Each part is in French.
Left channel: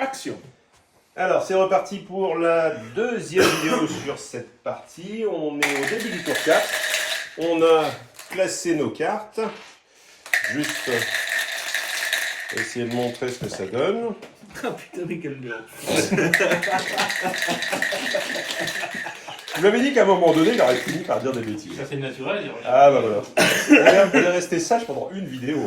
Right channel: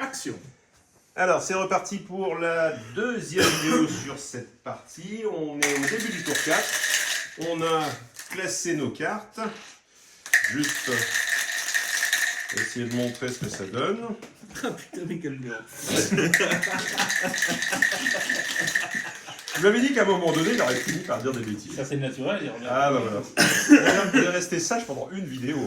Action. Alors, c'est reparti pour la deuxième vidéo sur cette partie. On est au début du tour 4. On a classé nos cartes. Juste essayer de montrer ce que ça donne. Ah putain, mais quel merde. Je m'avais dit qu'à un moment donné, il aurait fini par dire des bêtises. Ça c'est naturel, il revient. Ah bah voilà. Vous allez rester sage pendant une vidéo.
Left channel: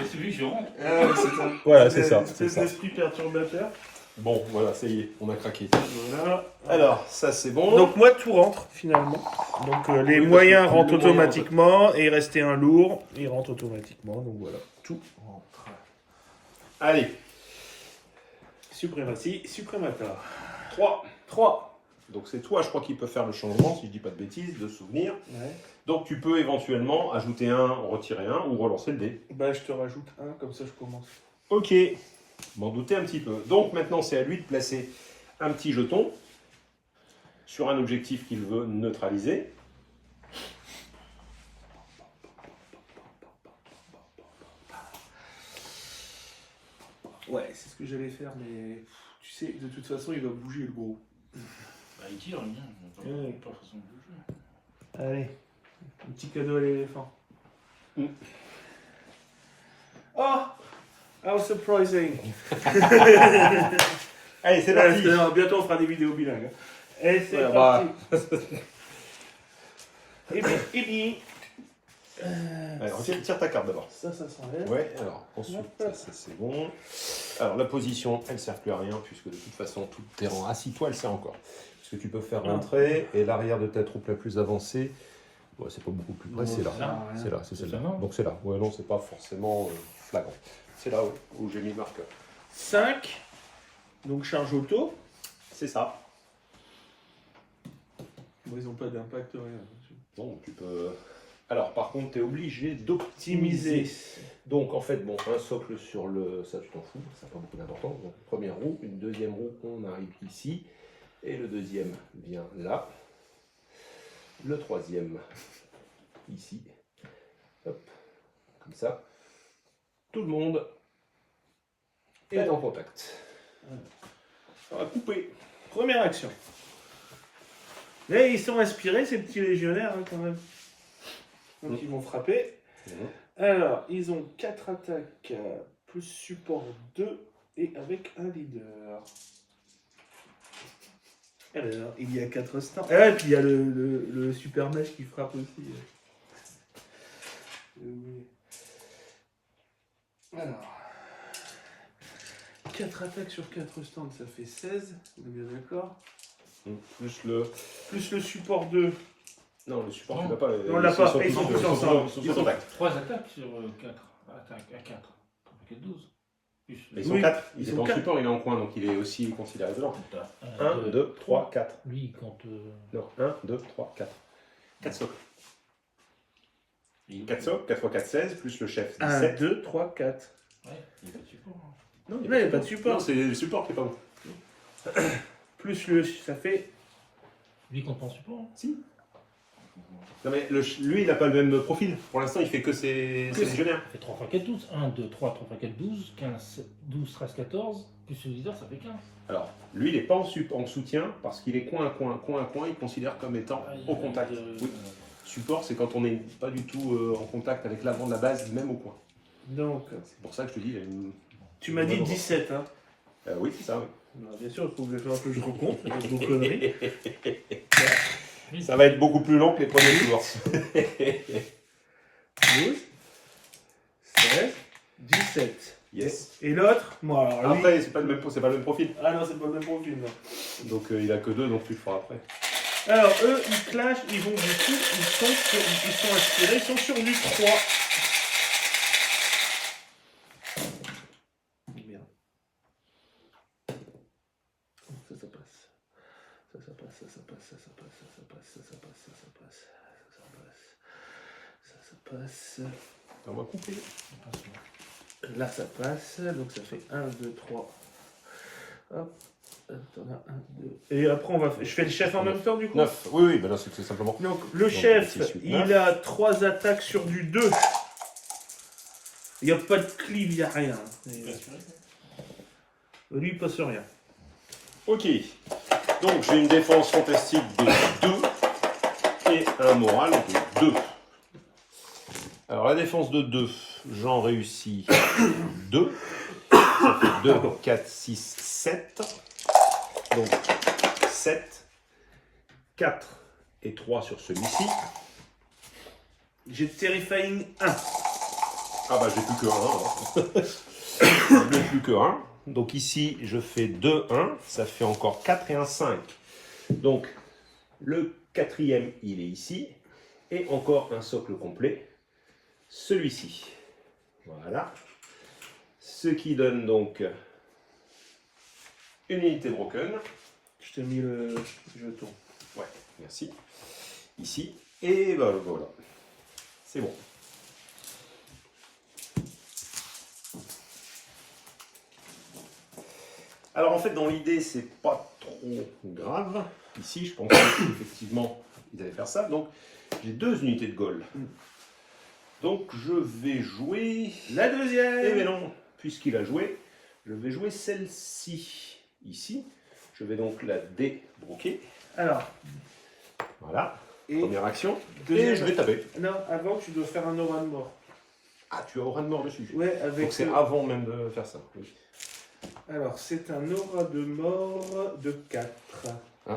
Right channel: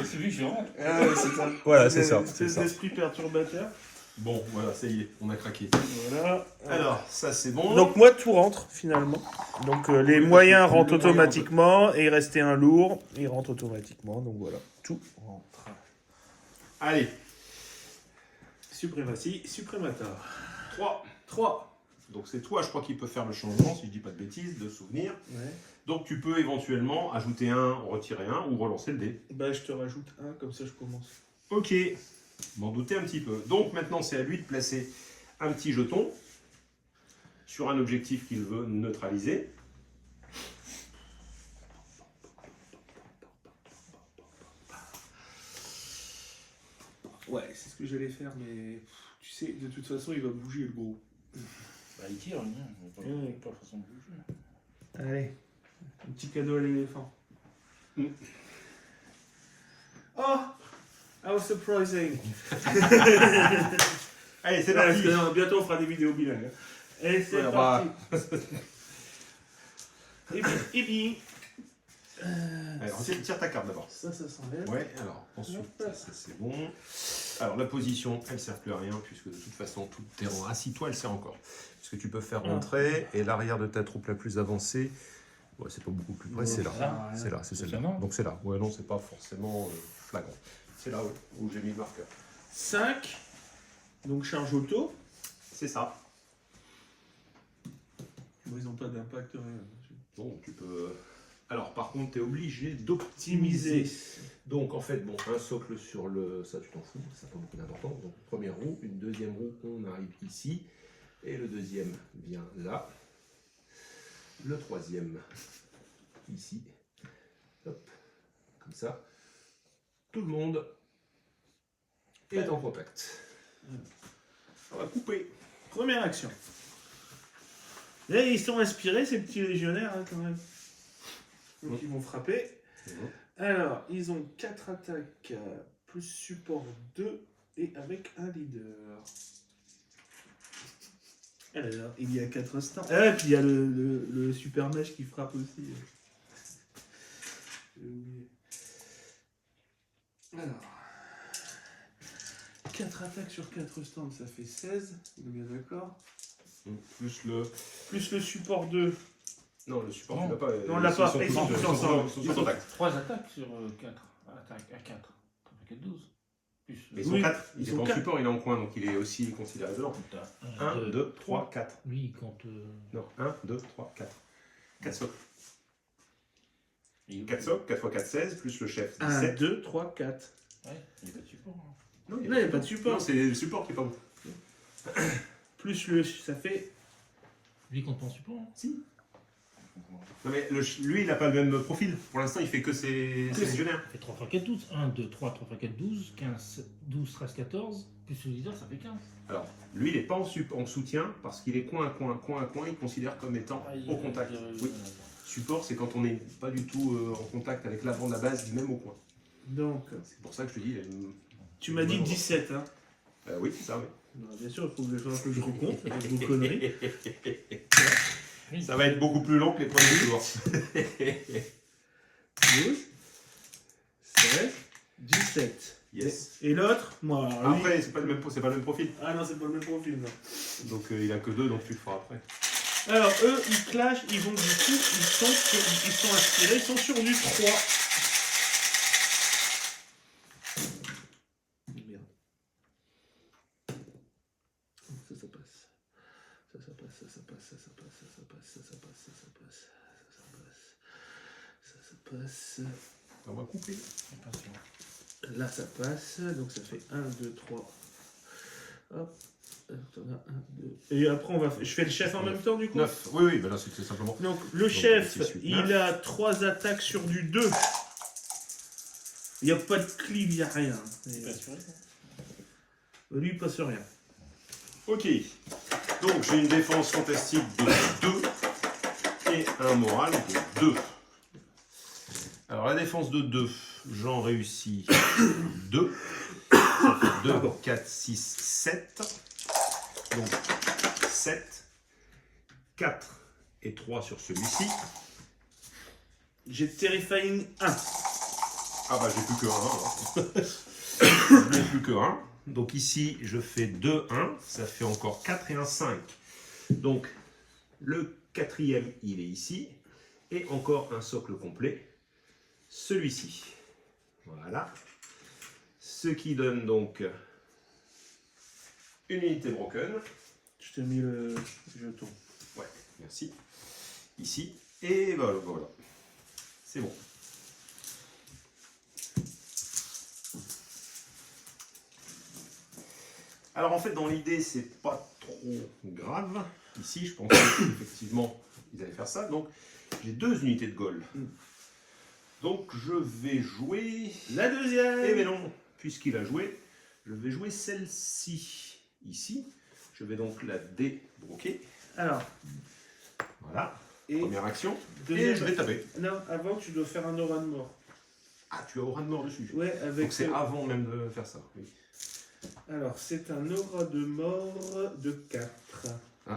C'est celui que je rentre. Ah ouais, c'est ça. Voilà, c'est ça. C'est l'esprit perturbateur. Bon, voilà, ça y est, on a craqué. Voilà. Alors, ça c'est bon. Donc moi tout rentre finalement. Donc les Oui, moyens parce que rentrent le moyen automatiquement et il restait un lourd, il rentre automatiquement. Donc voilà, tout rentre. Allez, Suprématie, suprémateur. 3. 3. Donc c'est toi, je crois, qui peut faire le changement, si je dis pas de bêtises, de souvenir. Ouais. Donc tu peux éventuellement ajouter un, retirer un ou relancer le dé. Bah je te rajoute un, comme ça je commence. Ok, m'en douter un petit peu. Donc maintenant c'est à lui de placer un petit jeton sur un objectif qu'il veut neutraliser. Ouais, c'est ce que j'allais faire, mais tu sais, de toute façon il va bouger le gros. Bah, il tire, lui. Ouais. Pas façon de bouger. Allez, un petit cadeau à l'éléphant. Mm. Oh, how surprising. Allez, c'est Ouais, parti. parce que, bientôt on fera des vidéos bilingues. Et c'est Ouais, parti. Et bien, Allez, tire ta carte d'abord. ça s'enlève. Ouais, alors ensuite, Hop. ça c'est bon. Alors la position, elle ne sert plus à rien, puisque de toute façon, tout le terrain, assis-toi, elle sert encore. Puisque tu peux faire l'entrée et l'arrière de ta troupe la plus avancée. Ouais, c'est pas beaucoup plus près, Non, c'est là. ça, C'est là, c'est celle-là. ça, non. Donc c'est là. Ouais, non, c'est pas forcément flagrant. C'est là où j'ai mis le marqueur. 5, donc charge auto. C'est ça. Bon, ils n'ont pas d'impact, rien. Donc tu peux. Alors par contre, tu es obligé d'optimiser. Donc en fait, bon, un socle sur le. Ça, tu t'en fous, ça n'a pas beaucoup d'importance. Donc première roue, une deuxième roue, on arrive ici. Et le deuxième vient là. Le troisième, ici. Hop, comme ça. Tout le monde est en contact. Ça va couper. Première action. Mais ils sont inspirés, ces petits légionnaires, hein, quand même. Donc ils vont frapper. Alors, ils ont 4 attaques, plus support 2, et avec un leader. Alors, il y a 4 stands. Ah, et puis il y a le super mèche qui frappe aussi. Alors, 4 attaques sur 4 stands, ça fait 16. On est bien d'accord. Plus le. Plus le support 2. Non, le support, Non. tu l'as pas. Non, on l'a pas. Ils sont tous tous ensemble. Ils sont en contact. 3 attaques sur 4. Attaque à 4. Ça fait 12. Plus. Mais ils sont Oui, 4. ils Il est sont pas en quatre. support, il est en coin, donc il est aussi considéré dedans. 1, 2, 3, 4. Lui, il compte. Non, 1, 2, 3, 4. 4 socles. 4 socles, 4 x 4, 16, plus le chef. 1, 17. 2, 3, 4. Ouais, il n'y a pas de support. Hein. Non, Non, il n'y a pas de support. Non, c'est le support qui est pas bon. Plus le. Ça fait. Lui, il compte pas en support. Hein. Si. Non, mais lui, il n'a pas le même profil. Pour l'instant, il fait que ses légionnaires. Ça fait 3 x 4, 12. 1, 2, 3, 3 x 4, 12. 15, 12, 13, 14. Plus le leader, ça fait 15. Alors, lui, il n'est pas en soutien parce qu'il est coin à coin, il considère comme étant au contact. Oui. Support, c'est quand on n'est pas du tout en contact avec l'avant de la base, même au coin. Donc, C'est pour ça que je te dis. tu m'as dit 17, hein. Oui, c'est ça, oui. Non, bien sûr, il faut que je recompte avec vos conneries. Ça va être beaucoup plus long que les premiers tours. 12, 16, 17. Yes. Et l'autre, moi, alors lui. Après, c'est pas le même profil. Ah non, c'est pas le même profil, non. Donc il a que 2, donc tu le feras après. Alors, eux, ils clashent, ils vont du coup, ils sont inspirés, ils sont sur du 3. Merde. Ça passe. Ça passe, ça passe, ça passe, ça passe, ça passe, ça passe, ça passe. On va couper. Là, ça passe, donc ça fait 1, 2, 3. Hop. T'en as 1, 2. Et après, je fais le chef en même temps, du coup 9. Oui, ben là, c'est simplement. Donc, le chef, 6, 8, il a 3 attaques sur du 2. Il n'y a pas de cleave, il n'y a rien. C'est pas assuré. Lui, il passe rien. Ok. Donc j'ai une défense fantastique de 2 et un moral de 2. Alors la défense de 2, j'en réussis 2. Ça fait 2, 4, 6, 7. Donc 7, 4 et 3 sur celui-ci. J'ai Terrifying 1. Ah bah j'ai plus que 1. Je n'ai plus que 1. Donc ici je fais 2, 1. Ça fait encore 4 et un 5. Donc le quatrième il est ici. Et encore un socle complet. Celui-ci. Voilà. Ce qui donne donc une unité broken. Je t'ai mis le jeton. Ouais, merci. Ici. Et voilà. C'est bon. Alors en fait, dans l'idée, c'est pas trop grave. Ici, je pensais qu'effectivement, ils allaient faire ça. Donc, j'ai 2 unités de Gaul. Donc, je vais jouer... La deuxième. Eh bien non, puisqu'il a joué, je vais jouer celle-ci, ici. Je vais donc la débroquer. Alors. Voilà, Et première action. deuxième. Et je vais taper. Non, avant, tu dois faire un aura de mort. Ah, tu as aura de mort dessus. Ouais, avec. Donc c'est avant même de faire ça. Oui. Alors, c'est un aura de mort de 4. Ah.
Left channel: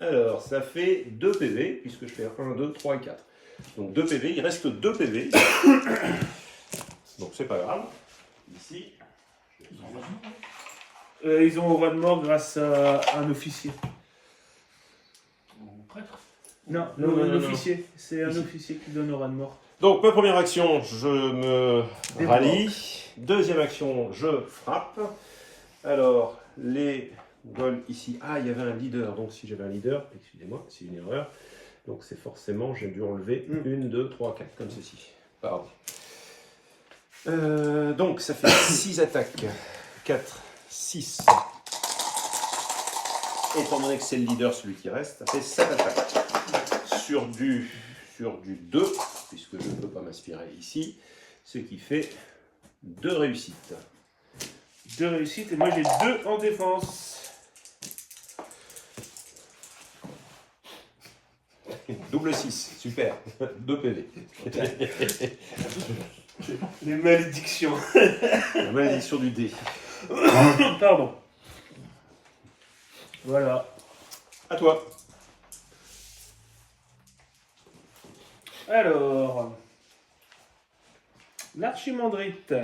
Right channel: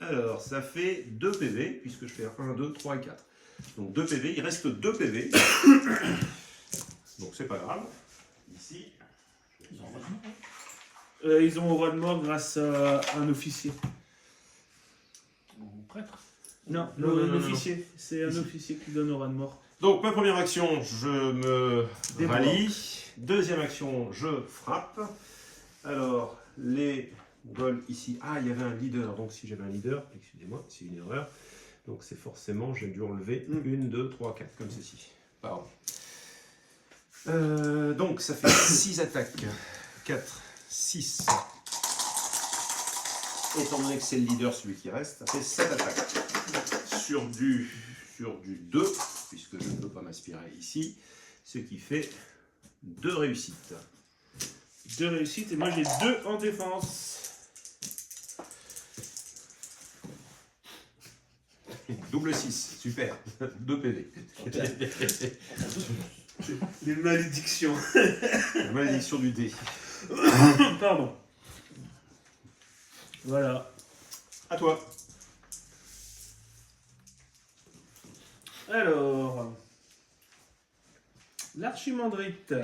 Alors, ça fait 2 PV, puisque je fais 1, 2, 3 et 4. Donc 2 PV, il reste 2 PV. Donc c'est pas grave. Ici. Ils ont aura de mort grâce à un officier. Ou prêtre. Non, Non, un non, officier. C'est un Ici. officier qui donne aura de mort. Donc ma première action, je me Débloque. rallie. Deuxième action, je frappe. Alors, les goals ici. Ah, il y avait un leader. Donc si j'avais un leader, excusez-moi, c'est une erreur. Donc c'est forcément, j'ai dû enlever 1, 2, 3, 4, comme ceci. Pardon. Donc ça fait 6 attaques. 4, 6. Étant donné que c'est le leader, celui qui reste, ça fait 7 attaques. Sur du 2, puisque je ne peux pas m'inspirer ici, ce qui fait 2 réussites. 2 réussites et moi j'ai 2 en défense. Double 6, super. 2 PV. Les malédictions. La malédiction du dé. Pardon. Voilà. À toi. Alors, l'archimandrite,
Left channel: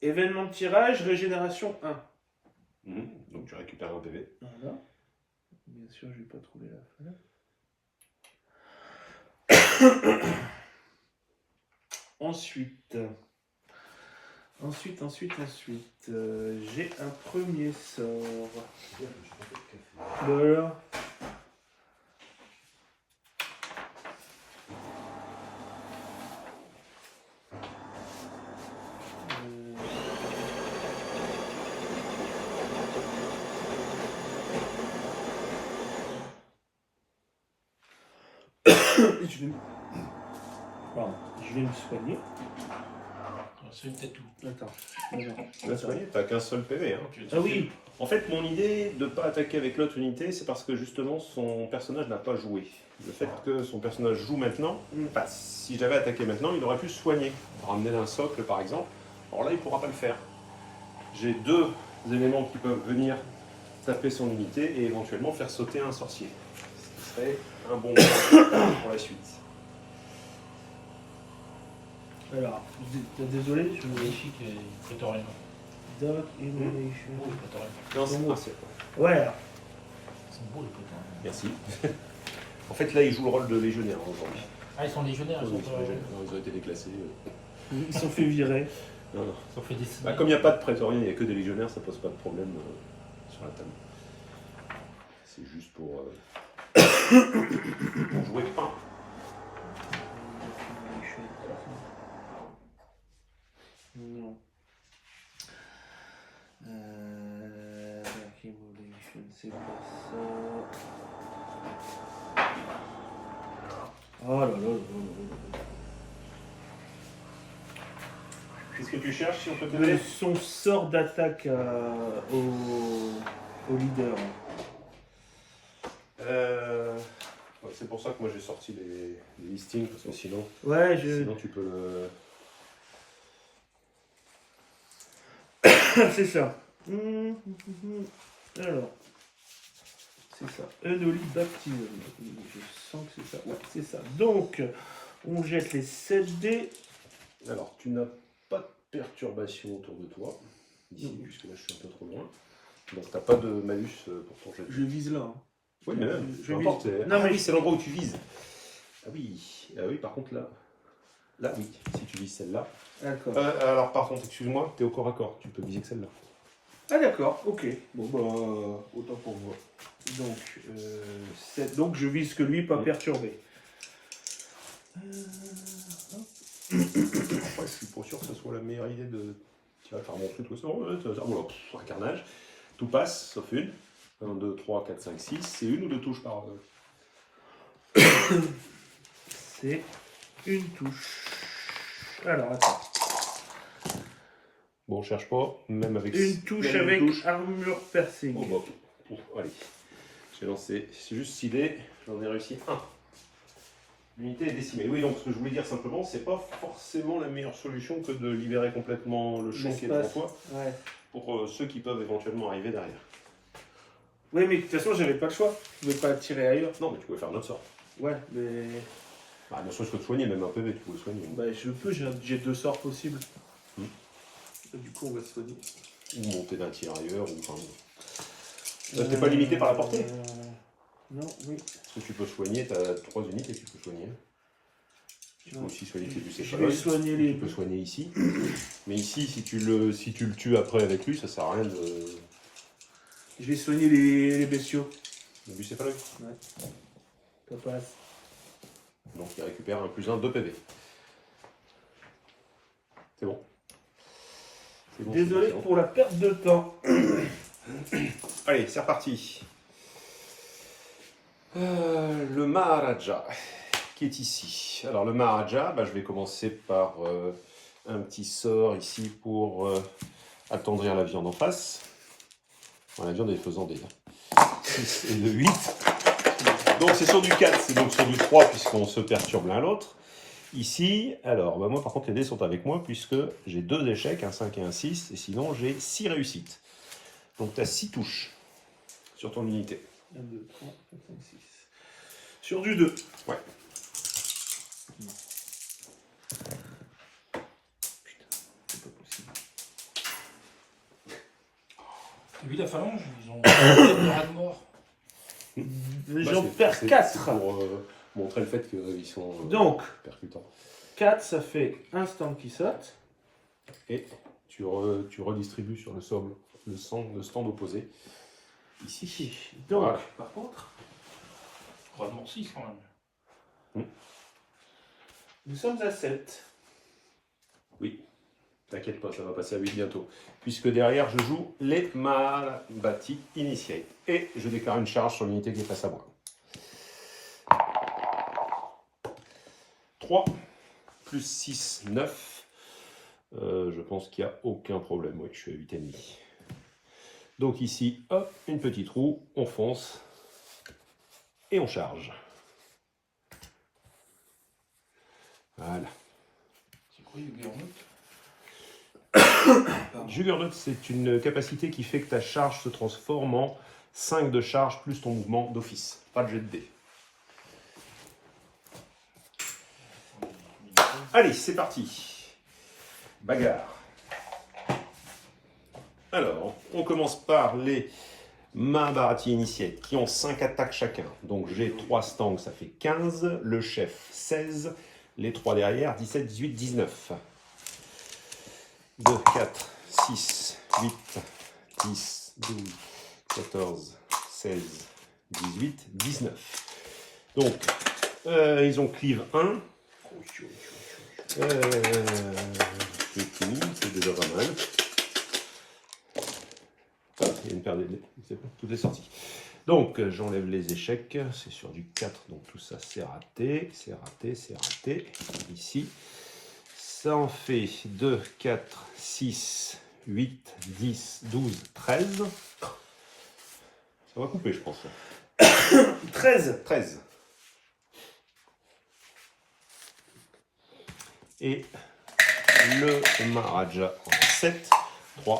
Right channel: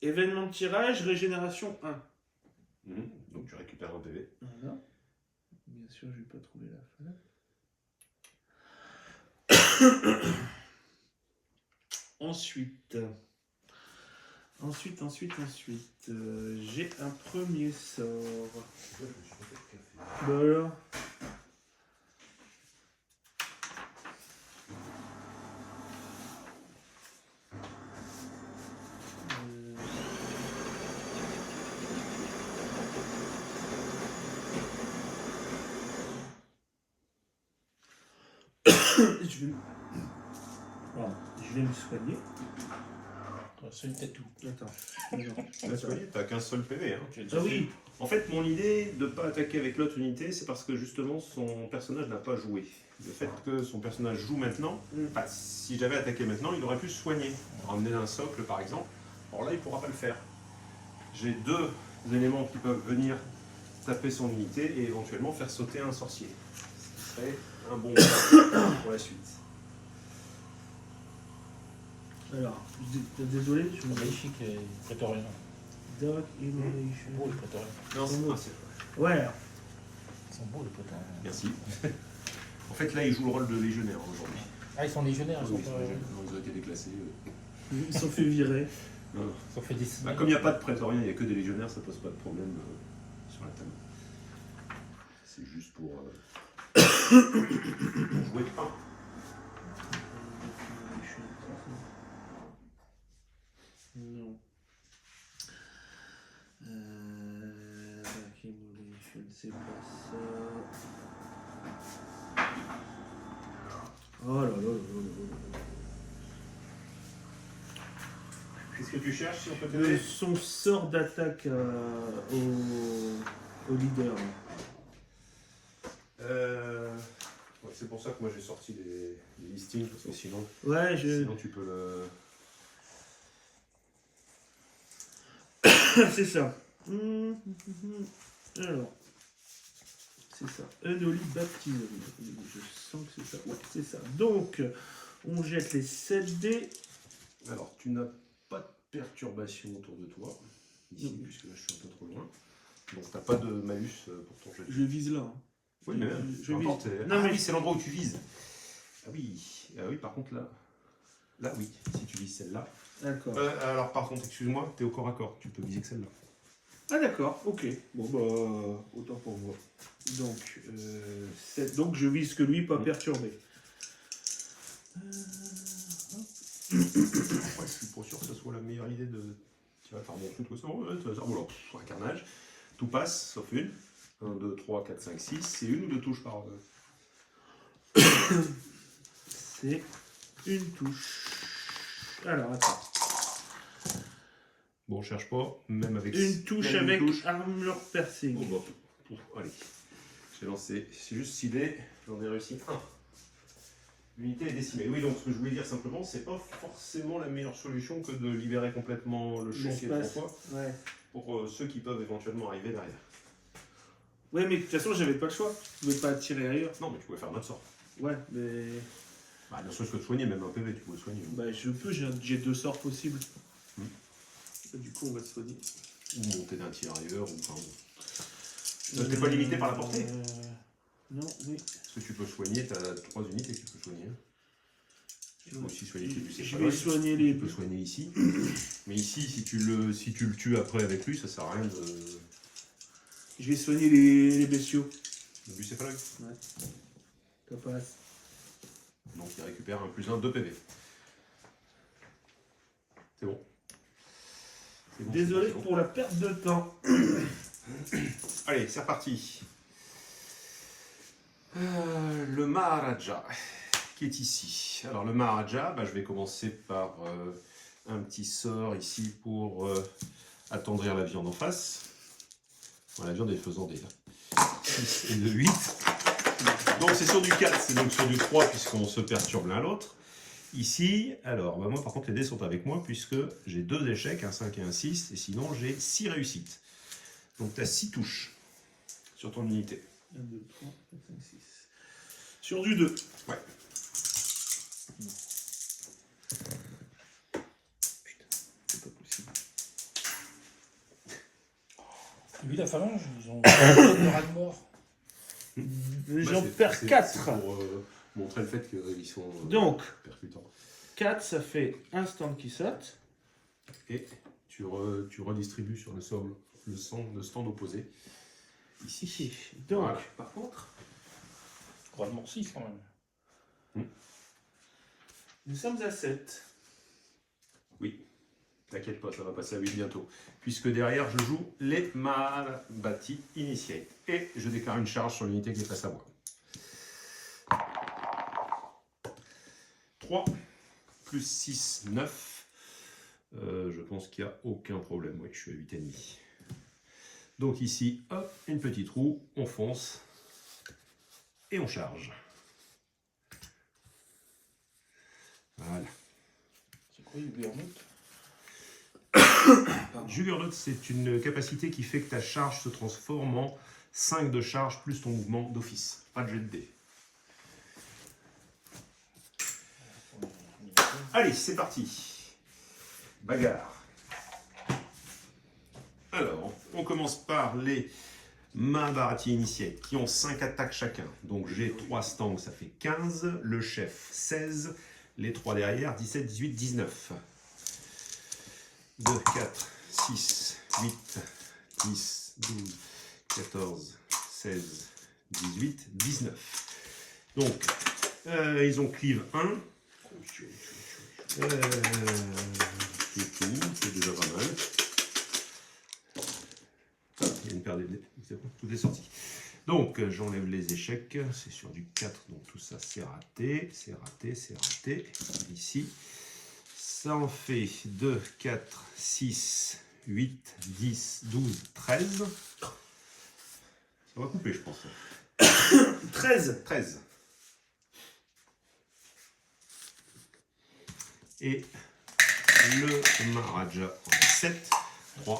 événement de tirage, régénération 1. Donc tu récupères un PV. Voilà. Bien sûr, je vais pas trouver la fin. Ensuite, j'ai un premier sort. Voilà. Je vais me soigner. C'est peut-être tout. Attends. Tu vas soigner, t'as qu'un seul PV. Hein. Ah oui. En fait, mon idée de ne pas attaquer avec l'autre unité, c'est parce que justement son personnage n'a pas joué. Le fait que son personnage joue maintenant, bah, si j'avais attaqué maintenant, il aurait pu se soigner. Ramener d'un socle par exemple. Alors là, il ne pourra pas le faire. J'ai 2 éléments qui peuvent venir taper son unité et éventuellement faire sauter un sorcier. Ce qui serait un bon pour la suite. Alors, désolé, je me Magnifique et prétorienne. Dark Emanation. Beau les prétoriens. Non, c'est pas c'est- Ouais, alors. Ils sont beaux les prétoriens. Merci. En fait, là, il joue le rôle de légionnaire aujourd'hui. Ah, ils sont légionnaires, ils sont Ils pas. sont légionnaires. Non, ils ont été déclassés. Ils sont fait virer. Non, non. Ils ont fait décimer. Bah, comme il n'y a pas de prétoriens, il n'y a que des légionnaires, ça pose pas de problème sur la table. C'est juste pour jouer un. Non. Dark Evolution, c'est pas ça. Oh là là là là là là. Qu'est-ce que tu cherches si on peut Le- t'aider? son sort d'attaque au leader. Ouais, c'est pour ça que moi j'ai sorti les listings, parce que sinon, Ouais, sinon tu peux le... c'est ça. Alors, c'est ça. Unholy Baptism. Je sens que c'est ça. Ouais, c'est ça. Donc, on jette les 7 dés. Alors, tu n'as pas de perturbation autour de toi, ici, Non. puisque là je suis un peu trop loin. Donc t'as pas de malus pour ton jet. Je vise là. Hein. Oui, mais même, je peu importe. vise. Non, Non, mais oui, c'est l'endroit où tu vises. Ah oui, par contre là, oui, si tu vises celle-là. D'accord. Alors par contre, excuse-moi, t'es au corps à corps, tu peux viser que celle-là. Ah d'accord, ok. Bon bah autant pour moi. Donc, 7. Donc je vise que lui, pas perturbé. Après, je suis pas sûr que ce soit la meilleure idée de... Tu vas faire montrer tout ça, tu vas dire, voilà, un carnage. Tout passe, sauf une. 1, 2, 3, 4, 5, 6. C'est une ou deux touches par... C'est une touche. Alors attends. Bon, on cherche pas, même avec... Une touche même avec une touche. armure piercing. Oh bah, allez. J'ai lancé, c'est juste 6 dés, j'en ai réussi 1. L'unité est décimée. Oui, donc ce que je voulais dire simplement, c'est pas forcément la meilleure solution que de libérer complètement le champ qui est devant L'espace. toi, Ouais. pour ceux qui peuvent éventuellement arriver derrière. Oui, mais de toute façon, j'avais pas le choix. Je pouvais pas tirer ailleurs. Non, mais tu pouvais faire un autre sort. Ouais, mais. Bah, ne serait-ce que de soigner, même un PV, tu pouvais soigner. Bah, je peux, j'ai 2 sorts possibles. Hmm. Et du coup, on va se soigner. Ou monter d'un tirailleur, ou enfin... T'es pas limité par la portée. Non, oui. Parce que tu peux soigner, t'as 3 unités que tu peux soigner. Tu peux aussi soigner tes Je vais bucéphaloïdes. soigner les. Tu peux soigner ici. Mais ici, si tu le tues après avec lui, ça sert à rien de... Je vais soigner les bestiaux. Le bucéphaloïde. Ça passe. Donc il récupère un +1, 2 PV. C'est bon. C'est bon, Désolé c'est bon. pour la perte de temps. Allez, c'est reparti. Le Maharaja, qui est ici. Alors le Maharaja, je vais commencer par un petit sort ici pour attendrir la viande en face. Bon, la viande est faisant des 6 et de 8. Donc c'est sur du 4, c'est donc sur du 3 puisqu'on se perturbe l'un l'autre. Ici, alors moi par contre les dés sont avec moi puisque j'ai 2 échecs, un 5 et un 6, et sinon j'ai 6 réussites. Donc tu as 6 touches sur ton unité. 1, 2, 3, 4, 5, 6. Sur du 2. Ouais. Putain, c'est pas possible. Lui, la phalange, ils ont un rat de mort. J'en perds 4. Pour montrer le fait qu'ils sont Donc, percutants. 4, ça fait un stand qui saute. Et tu redistribues sur le stand opposé. Ici. Donc, Voilà. par contre, Rat de mort 6 quand même. nous sommes à 7. Oui, t'inquiète pas, ça va passer à 8 bientôt. Puisque derrière, je joue les Mahabati Initiate. Et je déclare une charge sur l'unité qui est face à moi. 3 plus 6, 9. Je pense qu'il n'y a aucun problème. Oui, je suis à 8,5. Donc ici, hop, une petite roue, on fonce et on charge. Voilà. C'est quoi, Juggernaut? Juggernaut, c'est une capacité qui fait que ta charge se transforme en 5 de charge plus ton mouvement d'office. Pas de jet de dés. Allez, c'est parti. Bagarre. Alors, on commence par les Mahabharati Initiate qui ont 5 attaques chacun. Donc j'ai 3 stands, ça fait 15. Le chef, 16. Les 3 derrière, 17, 18, 19. 2, 4, 6, 8, 10, 12, 14, 16, 18, 19. Donc, ils ont cleave 1. C'est tout, c'est déjà pas mal. Ah, il y a une paire de dés, c'est bon, tout est sorti. Donc, j'enlève les échecs, c'est sur du 4, donc tout ça c'est raté, c'est raté, c'est raté. Ici, Ça en fait 2, 4, 6, 8, 10, 12, 13. Ça va couper, je pense. 13. 13. Et le Maharaja en a 7. 3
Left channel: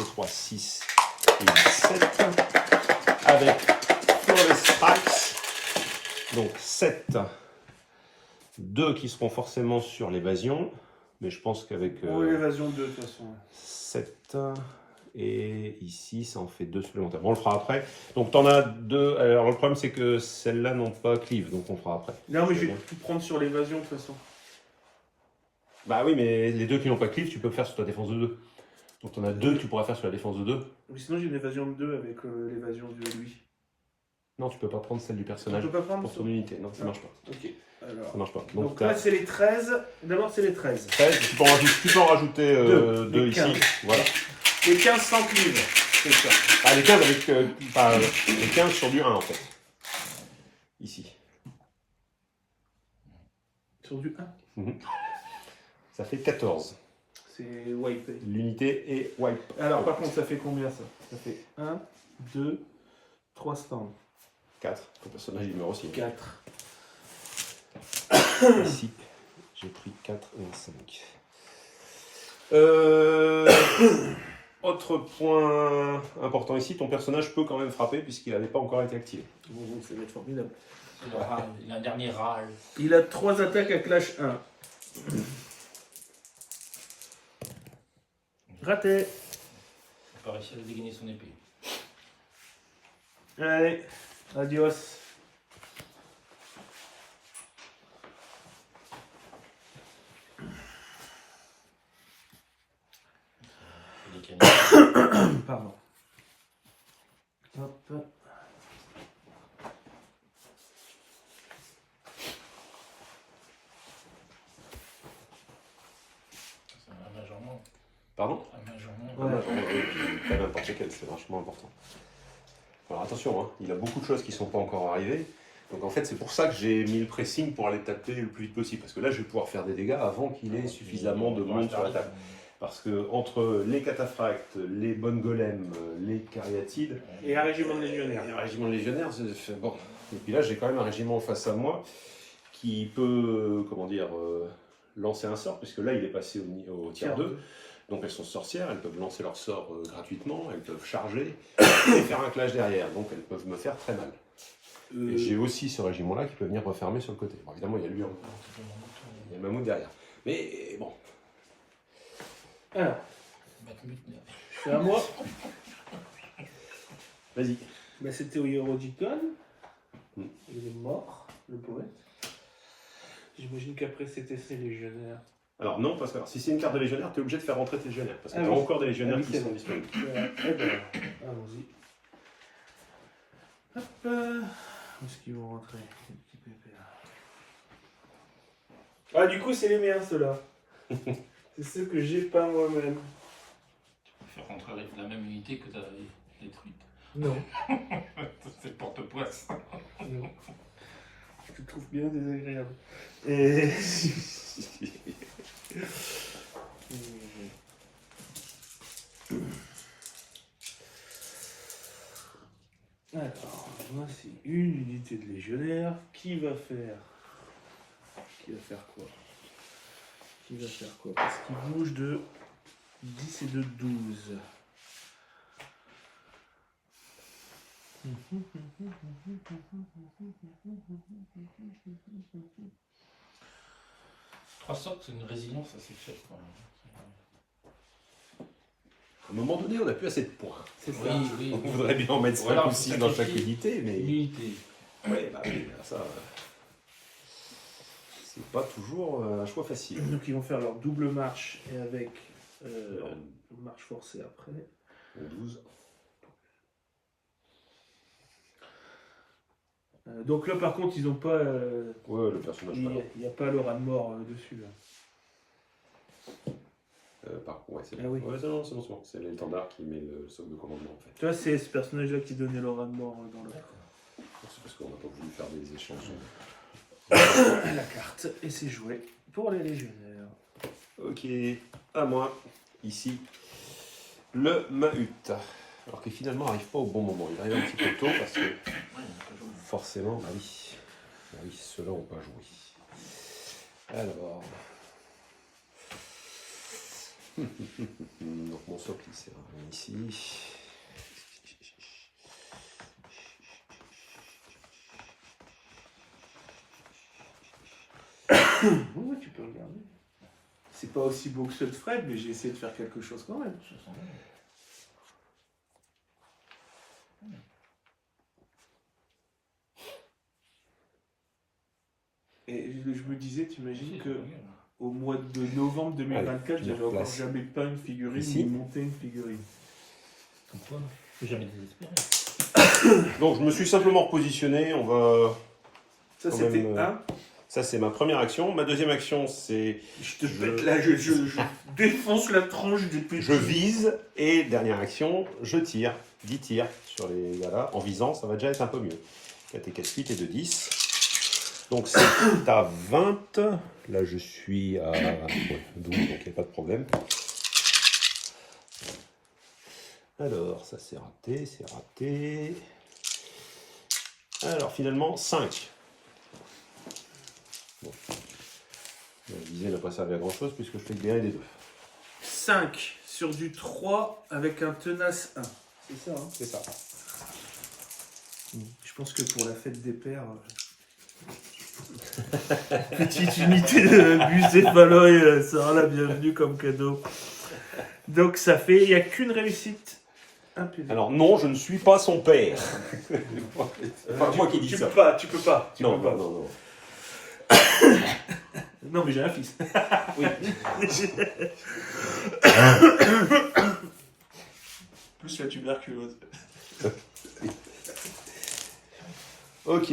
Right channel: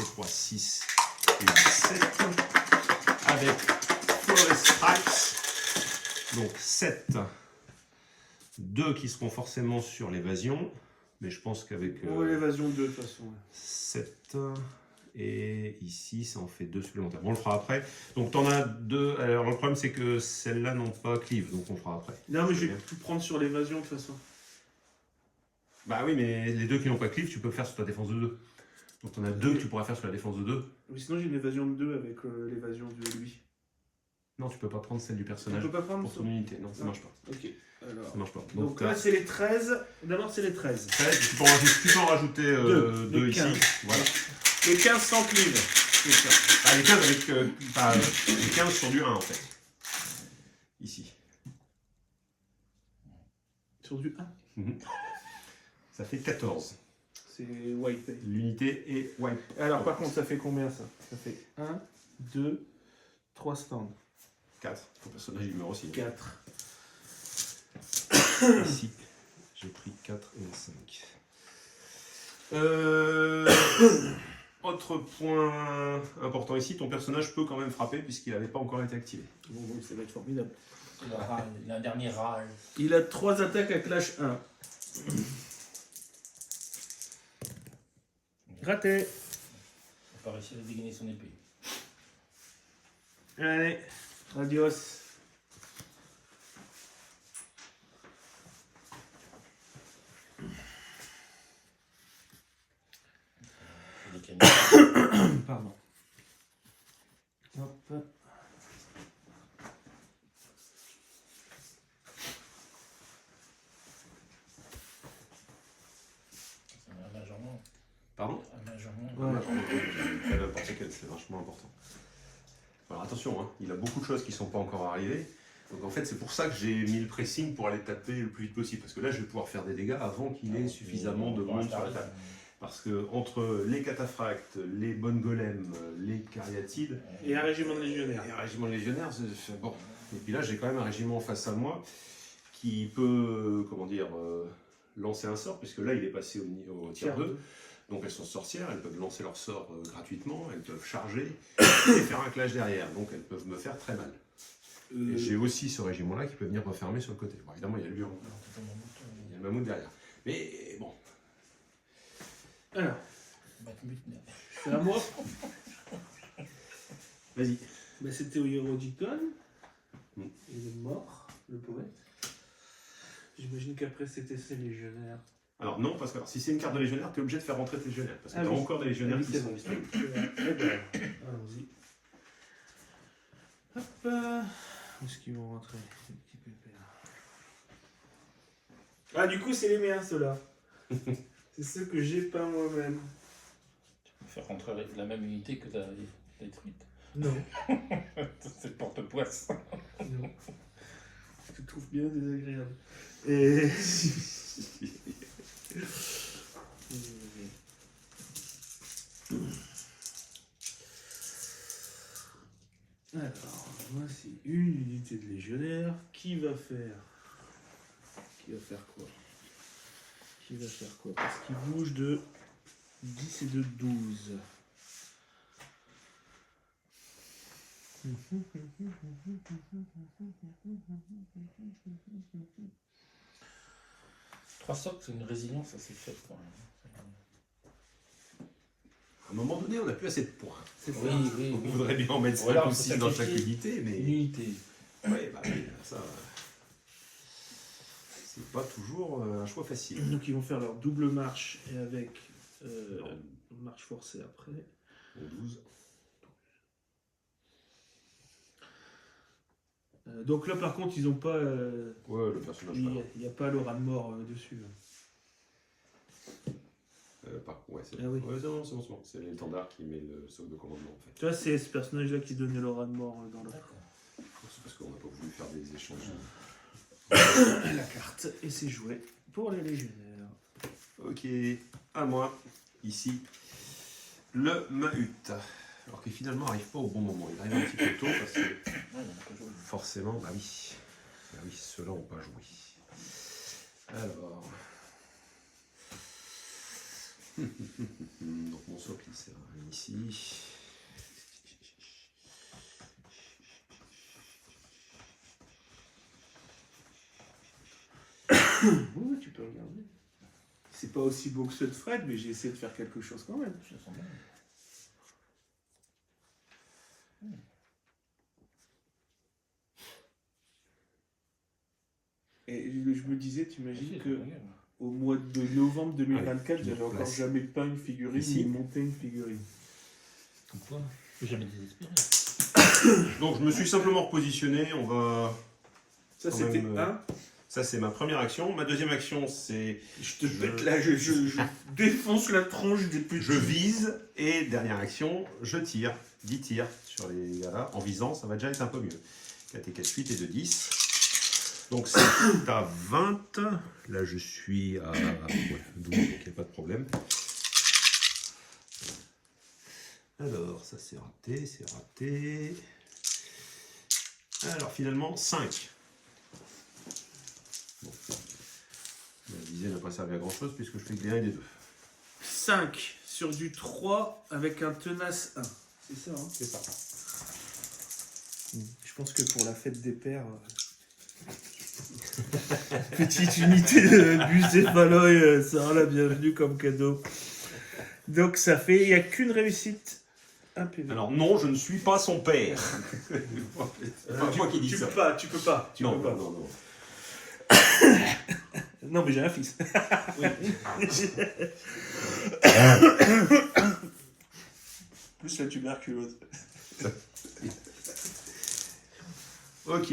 et 3, 6 et 7. Avec Flawless Strikes. Donc 7. 2 qui seront forcément sur l'évasion. Mais je pense qu'avec L'évasion 2 de toute façon. 7 et ici ça en fait 2 supplémentaires. Bon, on le fera après. Donc t'en as 2. Alors le problème c'est que celles-là n'ont pas cleave, donc on le fera après. Non, mais je vais tout prendre sur l'évasion de toute façon. Bah oui, mais les 2 qui n'ont pas cleave, tu peux le faire sur ta défense de 2. Donc t'en as 2 que tu pourras faire sur la défense de 2. Oui, sinon j'ai une évasion de 2 avec l'évasion de lui. Non, tu peux pas prendre celle du personnage Tu peux pas prendre pour ça. ton unité. Non, ça marche pas. Ok. Alors. Ça marche pas. Donc là c'est les 13. D'abord c'est les 13. 13, tu peux en rajouter 2 les ici. 15. Voilà. Les 15 sans cleave. C'est ça. Ah, les 15 avec. Les 15 sur du 1 en fait. Ici. Sur du 1. Ça fait 14. C'est wipe. L'unité est wipe. Alors par contre ça fait combien ça? Ça fait 1, 2, 3 stands. 4. Ton personnage il meurt aussi. 4. Ici, j'ai pris 4 et 5. Autre point important ici, ton personnage peut quand même frapper puisqu'il n'avait pas encore été activé. Bon, ça va être formidable. Il a un dernier râle. Il a 3 attaques à clash 1. Raté. Il va réussir à dégainer son épée. Allez, adios. Pardon. Hop. C'est un majorement. Pardon? Un majorement. Ouais. Pas n'importe quel, c'est vachement important. Alors attention, hein, il a beaucoup de choses qui ne sont pas encore arrivées. Donc en fait, c'est pour ça que j'ai mis le pressing pour aller taper le plus vite possible. Parce que là, je vais pouvoir faire des dégâts avant qu'il ait suffisamment de monde sur la table. Parce que entre les cataphractes, les bonnes golems, les cariatides Et un régiment de légionnaires. et un régiment de légionnaires, c'est bon. Et puis là, j'ai quand même un régiment face à moi qui peut, comment dire, lancer un sort, puisque là, il est passé au tiers 2. Donc elles sont sorcières, elles peuvent lancer leur sort gratuitement, elles peuvent charger et faire un clash derrière. Donc elles peuvent me faire très mal. Et j'ai aussi ce régiment-là qui peut venir refermer sur le côté. Bon, évidemment, il y a lui, il y a le mammouth derrière. Mais bon. Alors, c'est à moi. Vas-y. Bah, c'était au Hérodicon. Il est mort, le poète. J'imagine qu'après c'était ses légionnaires. Alors non, parce que si c'est une carte de légionnaire, tu es obligé de faire rentrer tes légionnaires. Parce que Ah tu as oui. encore des légionnaires Ah oui, qui c'est sont vrai. disponibles. Eh ben, allons-y. Hop. Où est-ce qu'ils vont rentrer, ces petits pépères? Ah, du coup, c'est les miens, ceux-là. C'est ceux que j'ai pas moi-même. Tu peux faire rentrer la même unité que tu as détruite. Non. C'est le porte-poisse. Non. Je te trouve bien désagréable. Et... Alors, voici une unité de légionnaire. Qui va faire quoi? Parce qu'il bouge de 10 et de 12. Trois sorts, c'est une résilience assez faible quand même. À un moment donné, on n'a plus assez de points. C'est ça. Oui. On voudrait bien en mettre 5 Voilà, ou on 6 peut dans chaque sacrifier unité, mais... Une unité. Ouais, bah oui, ça... c'est pas toujours un choix facile. Donc ils vont faire leur double marche et avec marche forcée après. 12. Donc là par contre ils ont pas... Ouais, le personnage pas là. il n'y a pas l'aura de mort dessus. Là. Ouais, c'est Ah bon. oui. Ouais, c'est bon. C'est l'étendard qui met le socle de commandement en fait. Tu vois, c'est ce personnage-là qui donnait l'aura de mort dans le... C'est parce qu'on n'a pas voulu faire des échanges. la carte. Et c'est joué pour les légionnaires. Ok, à moi. Ici, le Mahut. Alors que finalement, n'arrive pas au bon moment. Il arrive un petit peu tôt parce que Ouais, il y en a pas joué. forcément, bah oui. Bah oui, ceux-là n'ont pas joué. Alors. Donc mon socle il sert à rien ici. Oui, tu peux regarder. C'est pas aussi beau que ceux de Fred, mais j'ai essayé de faire quelque chose quand même. Ça sent bien. Et je me disais, t'imagines Si, que c'est pas mal. au mois de novembre 2024, Allez, j'avais je encore place. jamais peint une figurine Ici. ni monté une figurine. Comme quoi, faut jamais désespérer. Donc je me suis simplement repositionné. On va. Ça, Quand c'était même, un. Ça c'est ma première action. Ma deuxième action c'est Je te Je- pète là, je défonce la tranche des petits. je vise et dernière action, je tire. 10 tirs sur les gars là. En visant, ça va déjà être un peu mieux. 4 et 4, 8 et 2, 10. Donc c'est à 20. Là je suis à 12, donc il n'y a pas de problème. Alors ça c'est raté, c'est raté. Alors finalement 5. Bon. La visée n'a pas servi à grand chose puisque je fais des 1 et des 2. 5 sur du 3 avec un tenace 1. C'est ça, hein? C'est ça. Je pense que pour la fête des pères. Petite unité de bucéphaloïde sera la bienvenue comme cadeau. Donc ça fait, il n'y a qu'une réussite. Un PV. Alors non, je ne suis pas son père. C'est pas moi qui dis tu ça. peux pas, tu peux pas. Tu Non, peux pas. non, non, non. Non, mais j'ai un fils. Oui. Plus la tuberculose. Ok.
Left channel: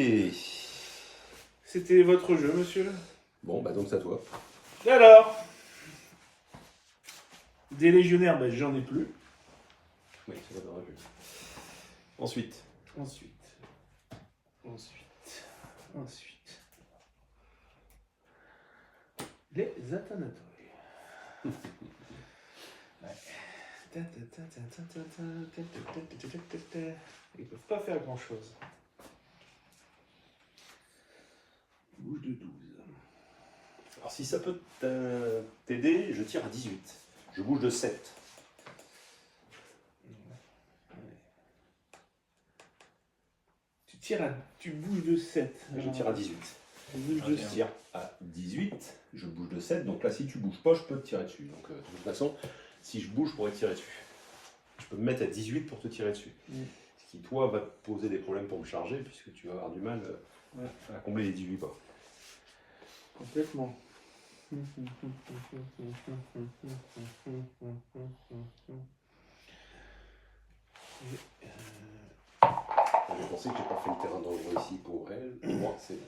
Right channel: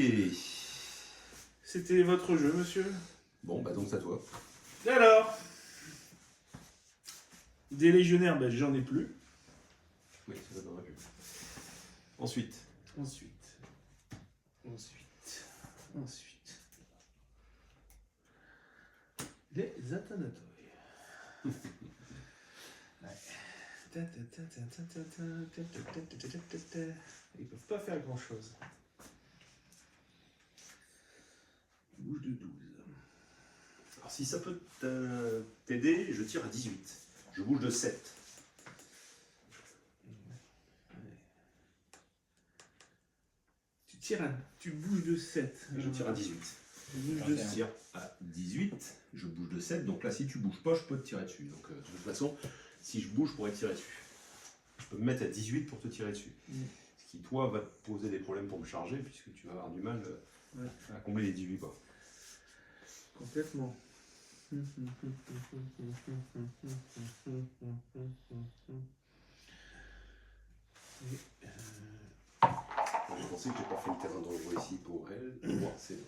C'était votre jeu, monsieur. Bon, bah donc c'est à toi. Alors, des légionnaires, ben, j'en ai plus. Oui, c'est ça, t'aurais pu. Ensuite. Ensuite. Les Athanatoi. Ils peuvent pas faire grand chose. Bouge de 12. Alors si ça peut t'aider, je tire à 18. Je bouge de 7. Tu bouges de 7. Je tire à 18. Tu bouges Je de tire à 18. Je bouge de 7. Donc là, si tu bouges pas, je peux te tirer dessus. Donc de toute façon, si je bouge, je pourrais te tirer dessus. Je peux me mettre à 18 pour te tirer dessus. Ce qui, toi, va te poser des problèmes pour me charger, puisque tu vas avoir du mal à combler les 18 pas. Complètement. Je pensais que j'ai pas fait le terrain dangereux ici pour elle. Pour moi, c'est bon.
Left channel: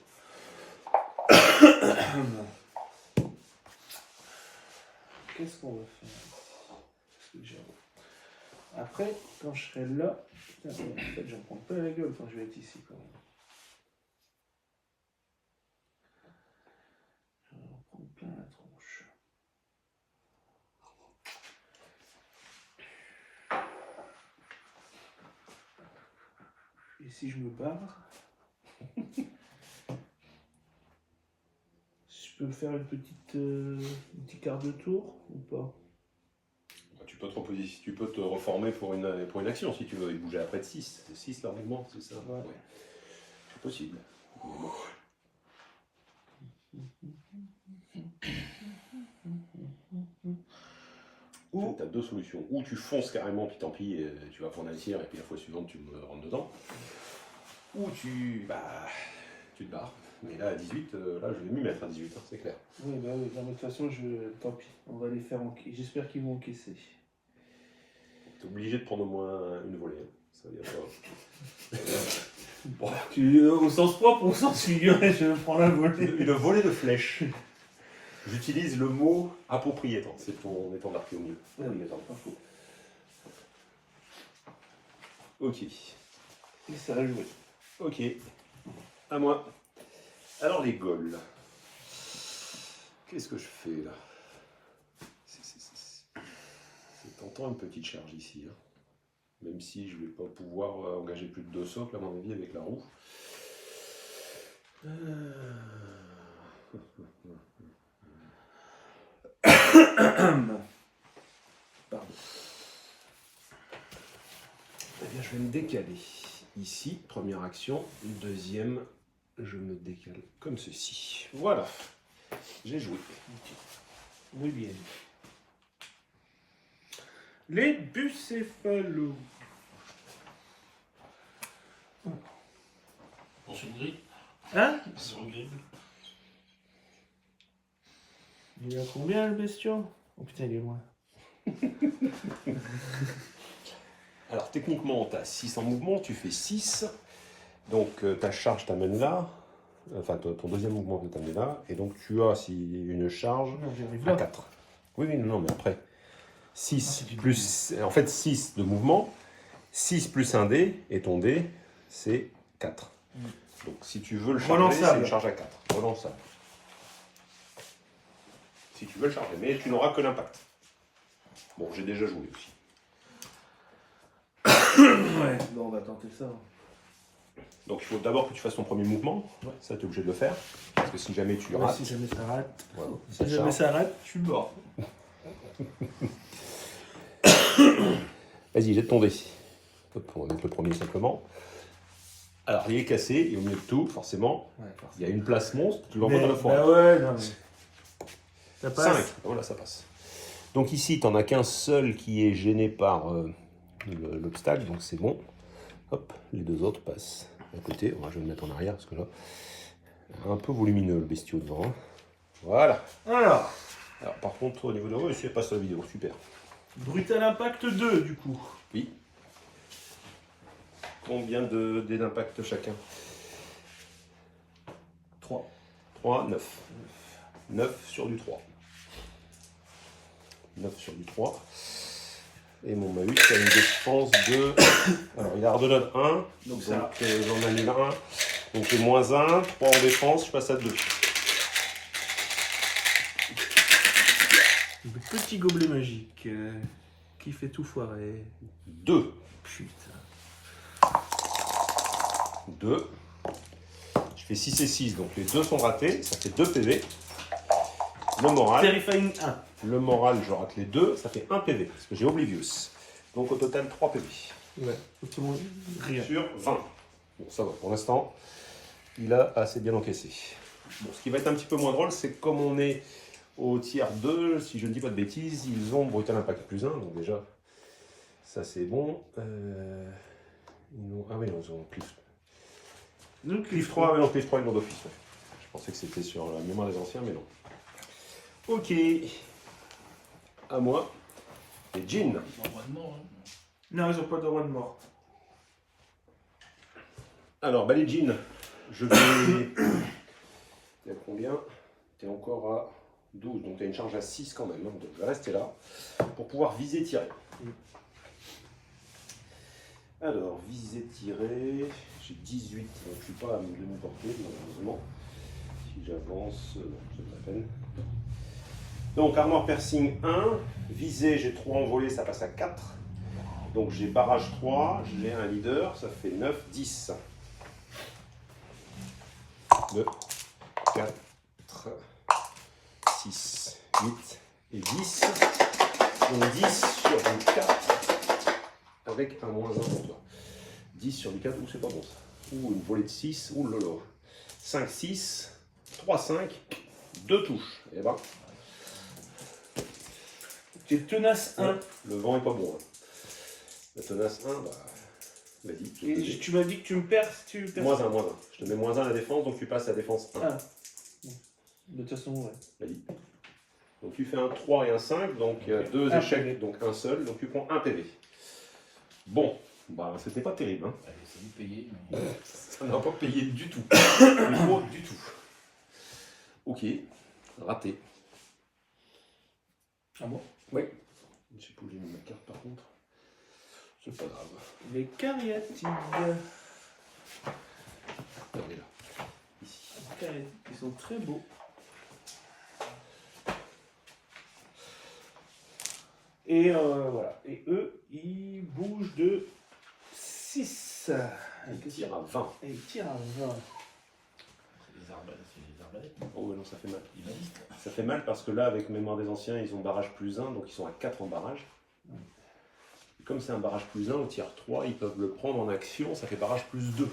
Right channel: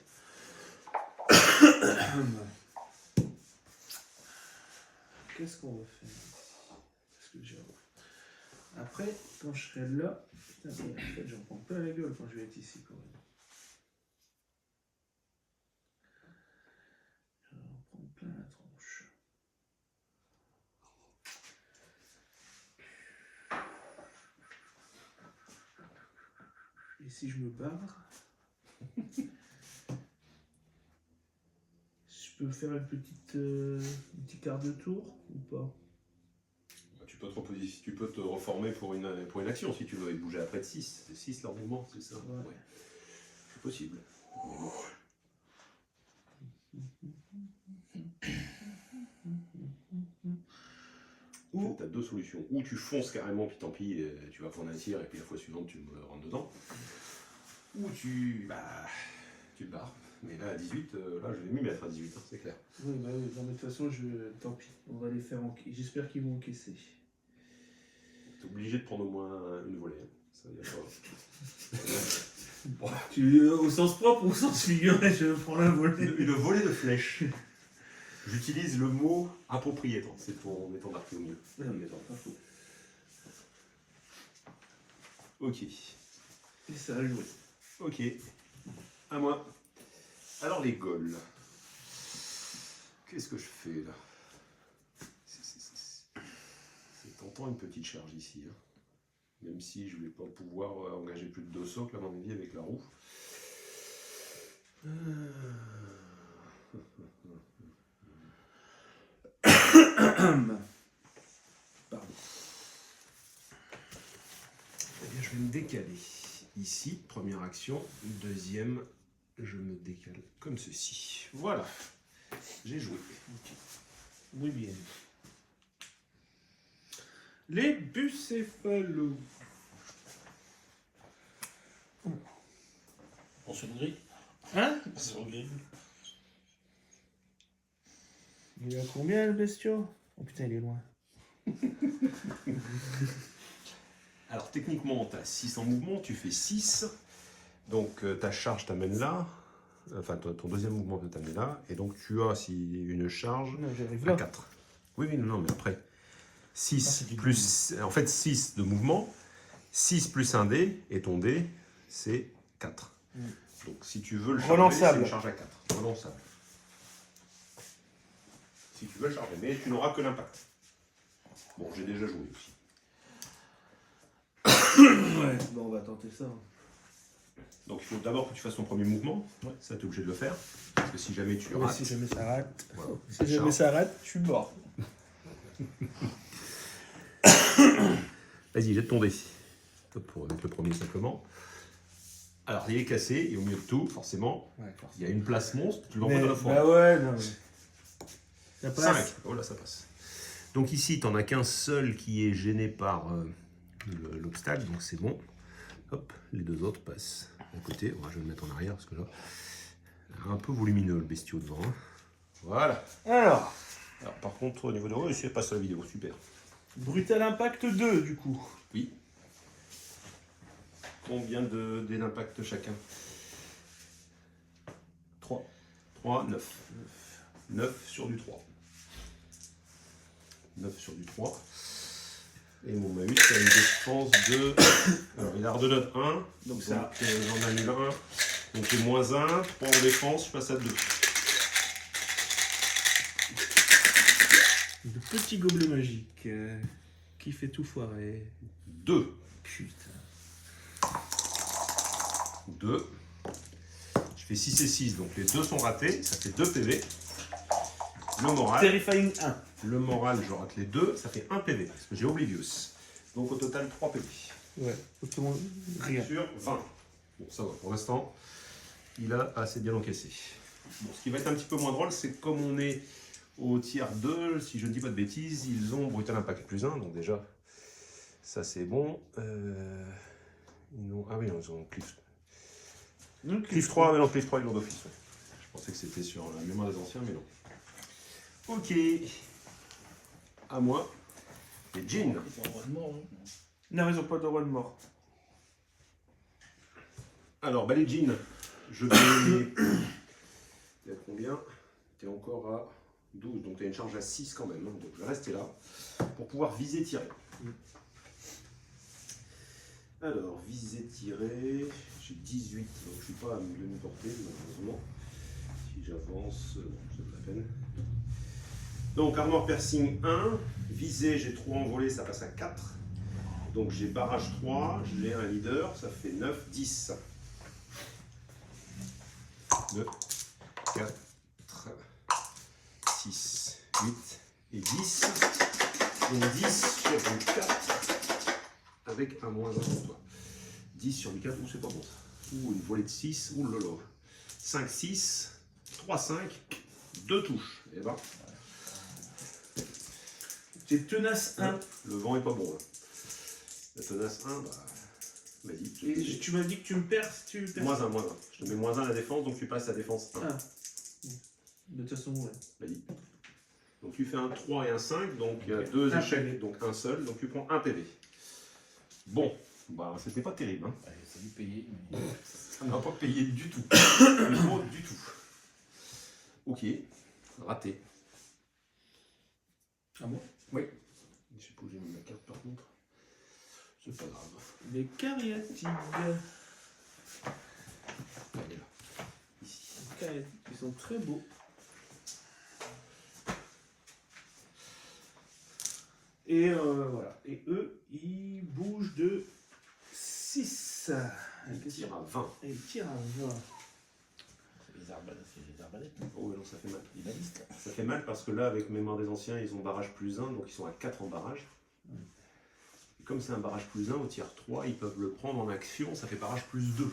Qu'est-ce qu'on va faire ici? Parce que après, quand je serai là, putain, en fait, j'en prends pas la gueule quand je vais être ici quand même. Je vais en prendre plein la tronche. Et si je me barre, je peux faire un petit quart de tour ou pas? Tu peux te reformer pour une action si tu veux. Et bouger après de 6. C'est 6 leur mouvement, c'est ça? Ouais. C'est possible. Mais bon. Ou Tu as deux solutions. Ou tu fonces carrément, puis tant pis, tu vas prendre un tir, et puis la fois suivante, tu me rentres dedans. Ou tu te barres. Mais là, à 18, là, je vais m'y mettre à 18, hein, c'est clair. oui, bah oui, non, mais de toute façon, tant pis, on va les faire encaisser. J'espère qu'ils vont encaisser. T'es obligé de prendre au moins une volée. Hein. Ça, y a pas... Au sens propre ou au sens figuré, je prends la volée. Une volée de flèches. J'utilise le mot approprié, c'est ton étendard qui est au mieux. Ah oui, attends, pas faux. Ok. Et ça va jouer. Ok. À moi. Alors les Gauls. Qu'est-ce que je fais là? pourtant une petite charge ici. Hein. Même si je ne vais pas pouvoir engager plus de 2 socles, à mon avis, avec la roue. Pardon. Eh bien, je vais me décaler. Ici, première action. Deuxième, je me décale comme ceci. Voilà. J'ai joué. Oui, bien. Les bucéphalos. On se grille. Hein? Sur le grille. Il y a combien le bestiau? Oh putain, il est loin. Alors techniquement, tu as 6 en mouvement, tu fais 6. Donc ta charge t'amène là. Enfin, ton deuxième mouvement peut t'amener là. Et donc tu as une charge Non, j'arrive à là. 4. Oui, non, mais après. 6 c'est du plus. En fait, 6 de mouvement. 6 plus un dé. Et ton dé, c'est 4. Donc si tu veux le charger, Relançable. c'est une charge à 4. Relançable. Si tu veux le charger. Mais tu n'auras que l'impact. Bon, j'ai déjà joué aussi. Ouais, bon, on va tenter ça. Donc il faut d'abord que tu fasses ton premier mouvement. Ouais. Ça, tu es obligé de le faire. Parce que si jamais tu le rates. Si jamais ça rate. voilà, Si ça jamais charge. ça rate, je suis mort. Vas-y, jette ton dé. Hop, on va mettre le premier simplement. Alors, il est cassé, et au milieu de tout, forcément, Ouais, il y a une place monstre, tu l'envoies dans la forêt. Bah ouais, non mais. Ça 5. passe. Voilà, ça passe. Donc ici, tu n'en as qu'un seul qui est gêné par l'obstacle, donc c'est bon. Hop, les 2 autres passent à côté. Bon, je vais le mettre en arrière, parce que là, un peu volumineux le bestiau devant. Hein. Voilà. Alors, Par contre, au niveau de... Oui, c'est pas ça la vidéo, super. Brutal Impact 2 du coup. Oui. Combien de dés d'impact chacun? 3. 3, 9. 9 sur du 3. 9 sur du 3. Et mon Mahut a une défense de... Alors, il a Ardenode 1. Donc Donc ça- j'en annule 1. Donc j'ai moins 1. 3 en défense, je passe à 2. Le petit gobelet magique qui fait tout foirer. 2. Putain. 2. Je fais 6 et 6. Donc les 2 sont ratés. Ça fait 2 PV. Le moral. Terrifying 1. Le moral, je rate les 2. Ça fait 1 PV. Parce que j'ai Oblivious. Donc au total, 3 PV. Ouais. Autrement, rien. Sur 20. Bon, ça va. Pour l'instant, il a assez bien encaissé. Bon, ce qui va être un petit peu moins drôle, c'est que comme on est au tiers 2, si je ne dis pas de bêtises, ils ont Brutal Impact plus 1. Donc déjà, ça c'est bon. Ah oui, non, ils ont Cliff. Donc, Cliff 3, mais non, Cliff 3, ils l'ont d'office. Ouais. Je pensais que c'était sur la mémoire des anciens, mais non. Ok. À moi. Et Jean. Ils ont droit de mort. Hein. Non, ils ont pas le droit de mort. Alors, bah les Jean, je vais... T'es à combien? T'es encore à 12, donc t'as une charge à 6 quand même. Hein. Donc je vais rester là pour pouvoir viser tirer. Alors, viser tirer, j'ai 18, donc je ne suis pas à demi-portée, malheureusement. Si j'avance, non, c'est pas la peine. Donc, armor piercing 1, visée, j'ai 3 envolés, ça passe à 4. Donc, j'ai barrage 3, j'ai un leader, ça fait 9, 10. 2, 4, 6, 8 et 10. Donc, 10 sur le 4. Avec un moins 1 pour toi. 10 sur du 4, ou c'est pas bon ça. Ou une volée de 6, ou lolo. 5, 6, 3, 5, 2 touches. Et ben, J'ai tenace 1. le vent est pas bon. Hein. La tenace 1, bah, vas-y. Et tu m'as dit que tu me perds si tu perds. Moins 1, moins 1. Je te mets moins 1 à la défense, donc tu passes à la défense 1. Ah. De toute façon, ouais. Vas-y. Donc tu fais un 3 et un 5, donc Ok. 2 Un échecs, PV. donc un seul, donc tu prends 1 PV. Bon, bah c'était pas terrible. Hein. Allez, ça vous payer. Mais... Ça n'a pas payé du tout. Pas du tout. Ok, raté. Ah bon? Oui. Je sais pas où j'ai mis ma carte par contre. C'est pas grave. Les cariatides. Regardez là. Ici. Les cariatides qui sont très beaux. Et voilà. Et eux, ils bougent de 6. Il tire à 20. Et ils tirent à 20. C'est les arbalètes. Oh ouais, non, ça fait mal. Les balistes. Ça fait mal parce que là, avec Mémoire des Anciens, ils ont barrage plus 1, donc ils sont à 4 en barrage. Et comme c'est un barrage plus 1, au tiers 3, ils peuvent le prendre en action, ça fait barrage plus 2. Donc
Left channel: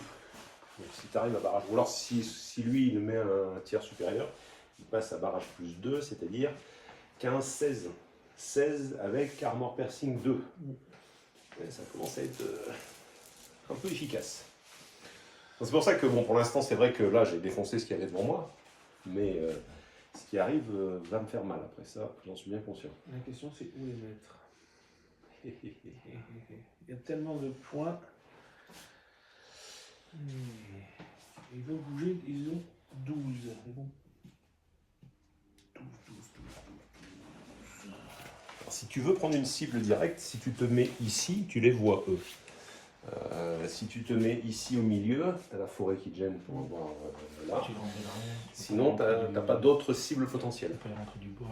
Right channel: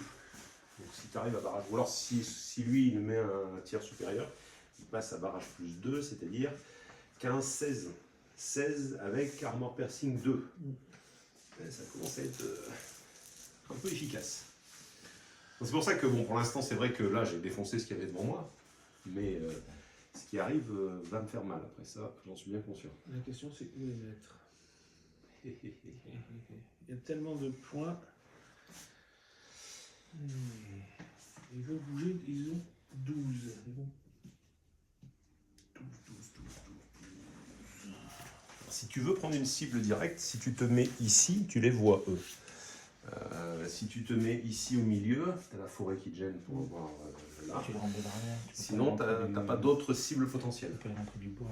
si tu arrives à barrage, ou alors si lui, il met un tiers supérieur, il passe à barrage plus 2, c'est-à-dire 15, 16. 16 avec Armor Piercing 2. Et ça commence à être un peu efficace. C'est pour ça que, bon, pour l'instant, c'est vrai que là, j'ai défoncé ce qu'il y avait devant moi, mais ce qui arrive va me faire mal. Après ça, j'en suis bien conscient. La question, c'est où les mettre. Il y a tellement de points. Ils vont bouger, ils ont 12. Ils vont... 12. Alors, si tu veux prendre une cible directe, si tu te mets ici, tu les vois, eux. Si tu te mets ici au milieu, tu as la forêt qui te gêne pour voir là. Tu les rentres de l'arrière. Sinon, tu n'as pas d'autres cibles potentielles. Tu peux les rentrer du bord.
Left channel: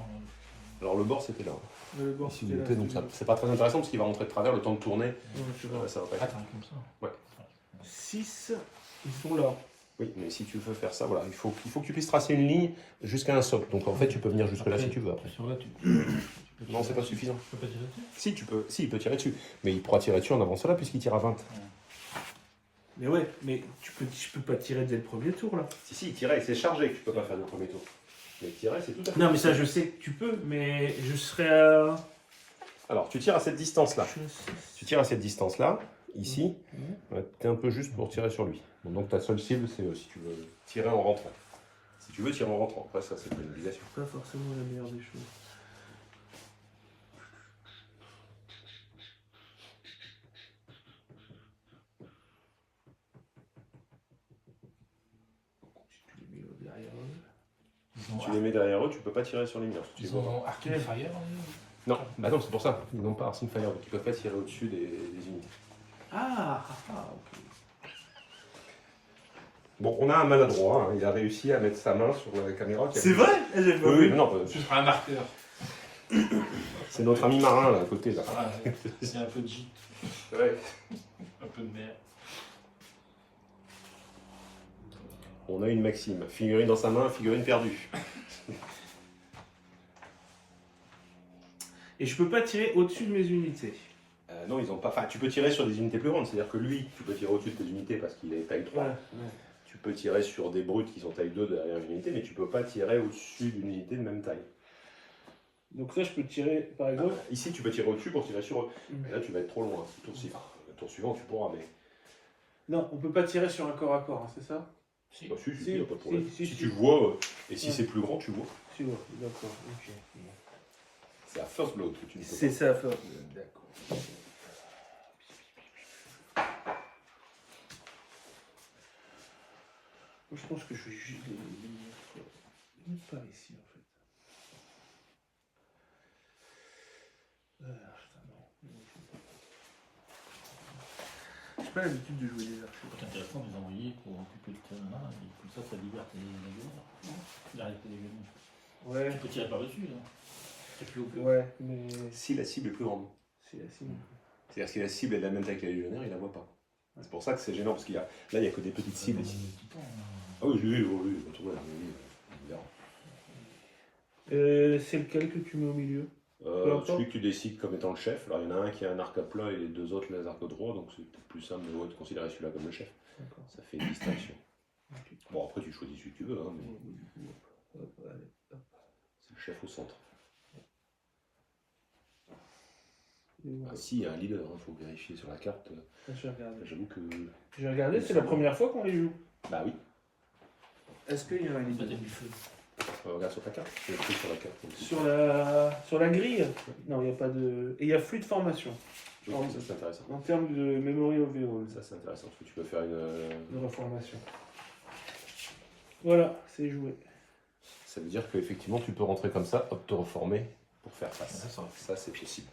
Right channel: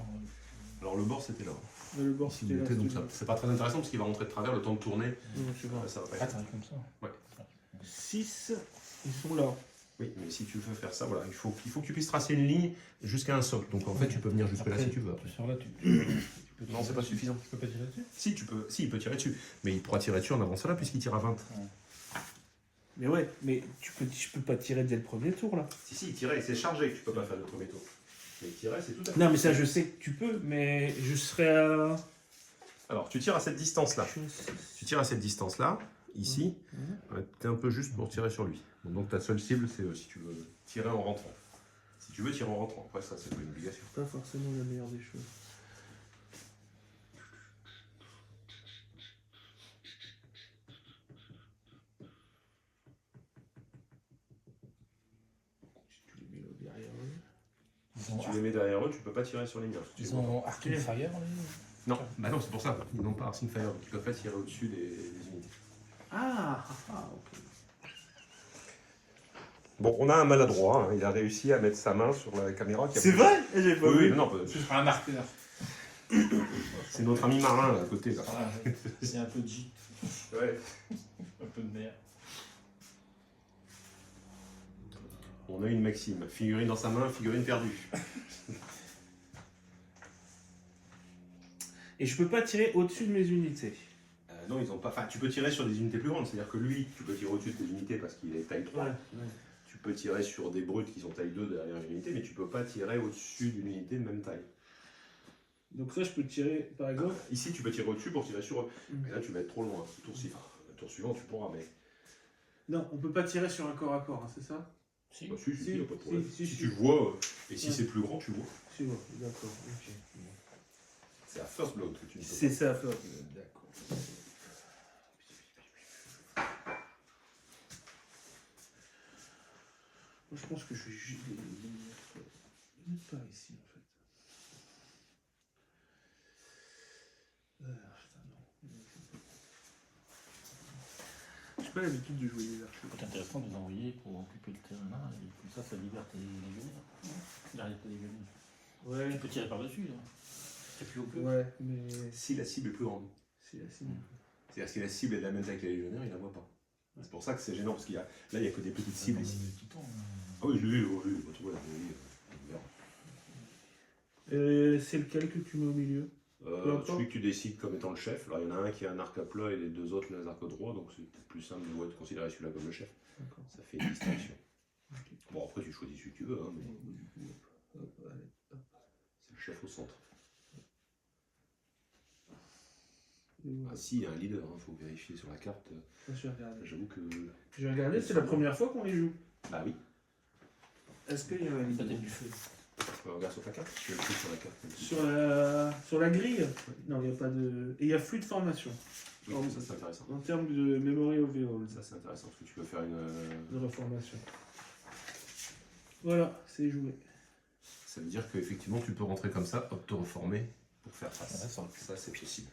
Alors, le bord, c'était là. Le bord, S'il vous plaît, donc c'est pas très intéressant parce qu'il va rentrer de travers le temps de tourner. Non, je vois. Ça va pas Ah, être. t'arrives comme ça. Ouais. 6, ils sont là. Oui, mais si tu veux faire ça, voilà, il faut que tu puisses tracer une ligne jusqu'à un socle. Donc en fait, tu peux venir jusque là si tu veux après. Sur là, tu Non, c'est pas suffisant. Tu peux pas tirer dessus. Si, tu peux. Si, il peut tirer dessus. Mais il pourra tirer dessus en avançant là puisqu'il tire à 20. Mais ouais, mais je peux pas tirer dès le premier tour là. Si, il tirait, c'est chargé que tu peux pas faire le premier tour. Mais tirer, c'est tout à fait. Non, mais ça, je sais que tu peux, mais je serais à. Alors, tu tires à cette distance-là. Tu tires à cette distance-là, ici. Tu es un peu juste pour tirer sur lui. Bon, donc ta seule cible, c'est si tu veux tirer en rentrant. Si tu veux tirer en rentrant. Après, ça, c'est pas une obligation. Pas forcément la meilleure des choses. Si tu les mets derrière eux. Ils ont, Si tu les mets derrière eux, tu peux pas tirer sur les murs. Si tu ils veux. ont Arcane Fire. Non, bah non, c'est pour ça. Ils n'ont pas Arsene Fire, donc ils peuvent pas tirer au-dessus des unités. Ok. Bon, on a un maladroit, hein. Il a réussi à mettre sa main sur la caméra. C'est vrai? J'ai pas Oui, vu. non, Ce sera un marqueur. c'est notre ami marin là, à côté. Là. Ah, c'est un peu de gîte, Ouais. un peu de mer. On a une maxime. Figurine dans sa main, figurine perdue. Et je peux pas tirer au-dessus de mes unités. Non, ils ont pas. Enfin, tu peux tirer sur des unités plus grandes. C'est-à-dire que lui, tu peux tirer au-dessus de tes unités parce qu'il est taille 3. Tu peux tirer sur des brutes qui sont taille 2 derrière une unité, mais tu peux pas tirer au-dessus d'une unité de même taille. Donc ça, je peux tirer, par exemple. Ici, tu peux tirer au-dessus pour tirer sur eux. Mais là, tu vas être trop loin. Le tour suivant, tu pourras, mais. Non, on peut pas tirer sur un corps à corps, hein, c'est ça? Si. Bah, si, Si, y a pas de problème. si, Si tu vois, et si Ouais. c'est plus grand, tu vois. Si, ouais, d'accord. Ok. C'est à first blood que tu ne peux C'est ça, d'accord. Moi, je pense que je vais juste les mettre par ici, en fait. Putain, non. J'ai pas l'habitude de jouer des archers. C'est intéressant de les envoyer pour occuper le terrain là, et comme ça libère tes légionnaires. Il arrête tes légionnaires. Ouais. Tu peux tirer par-dessus. Hein. T'as plus au peu. Ouais, mais Si la cible est plus grande. c'est la cible. C'est-à-dire que si la cible est de la même taille que les légionnaires, il la voit pas. C'est pour ça que c'est gênant, parce qu'il y a, là, il n'y a que des petites cibles ici. Ah oui, oui, pas trop, on verra. C'est lequel que tu mets au milieu? Celui que tu décides comme étant le chef. Alors il y en a un qui a un arc à plat et les deux autres les arcs droits, donc c'est peut-être plus simple de considérer celui-là comme le chef. D'accord. Ça fait distinction. Ok. Bon, après tu choisis celui que tu veux, hein, mais Du coup, hop, allez, hop. c'est le chef au centre. Et voilà. Ah, si, il y a un leader, il faut vérifier sur la carte. Je vais regarder. J'avoue que. Je vais regarder, c'est la première fois qu'on les joue. Bah oui. Est-ce qu'il y a un Ça leader? donne du feu. Regarde sur ta carte. Tu as le truc sur la carte. Sur la grille? Non, il n'y a pas de. Et il y a flux de formation. Oui, ça c'est intéressant. En termes de memory overall, Ça c'est intéressant parce que tu peux faire une. de reformation. Voilà, c'est joué. Ça veut dire qu'effectivement tu peux rentrer comme ça, hop, te reformer pour faire face. Voilà, Ça c'est possible.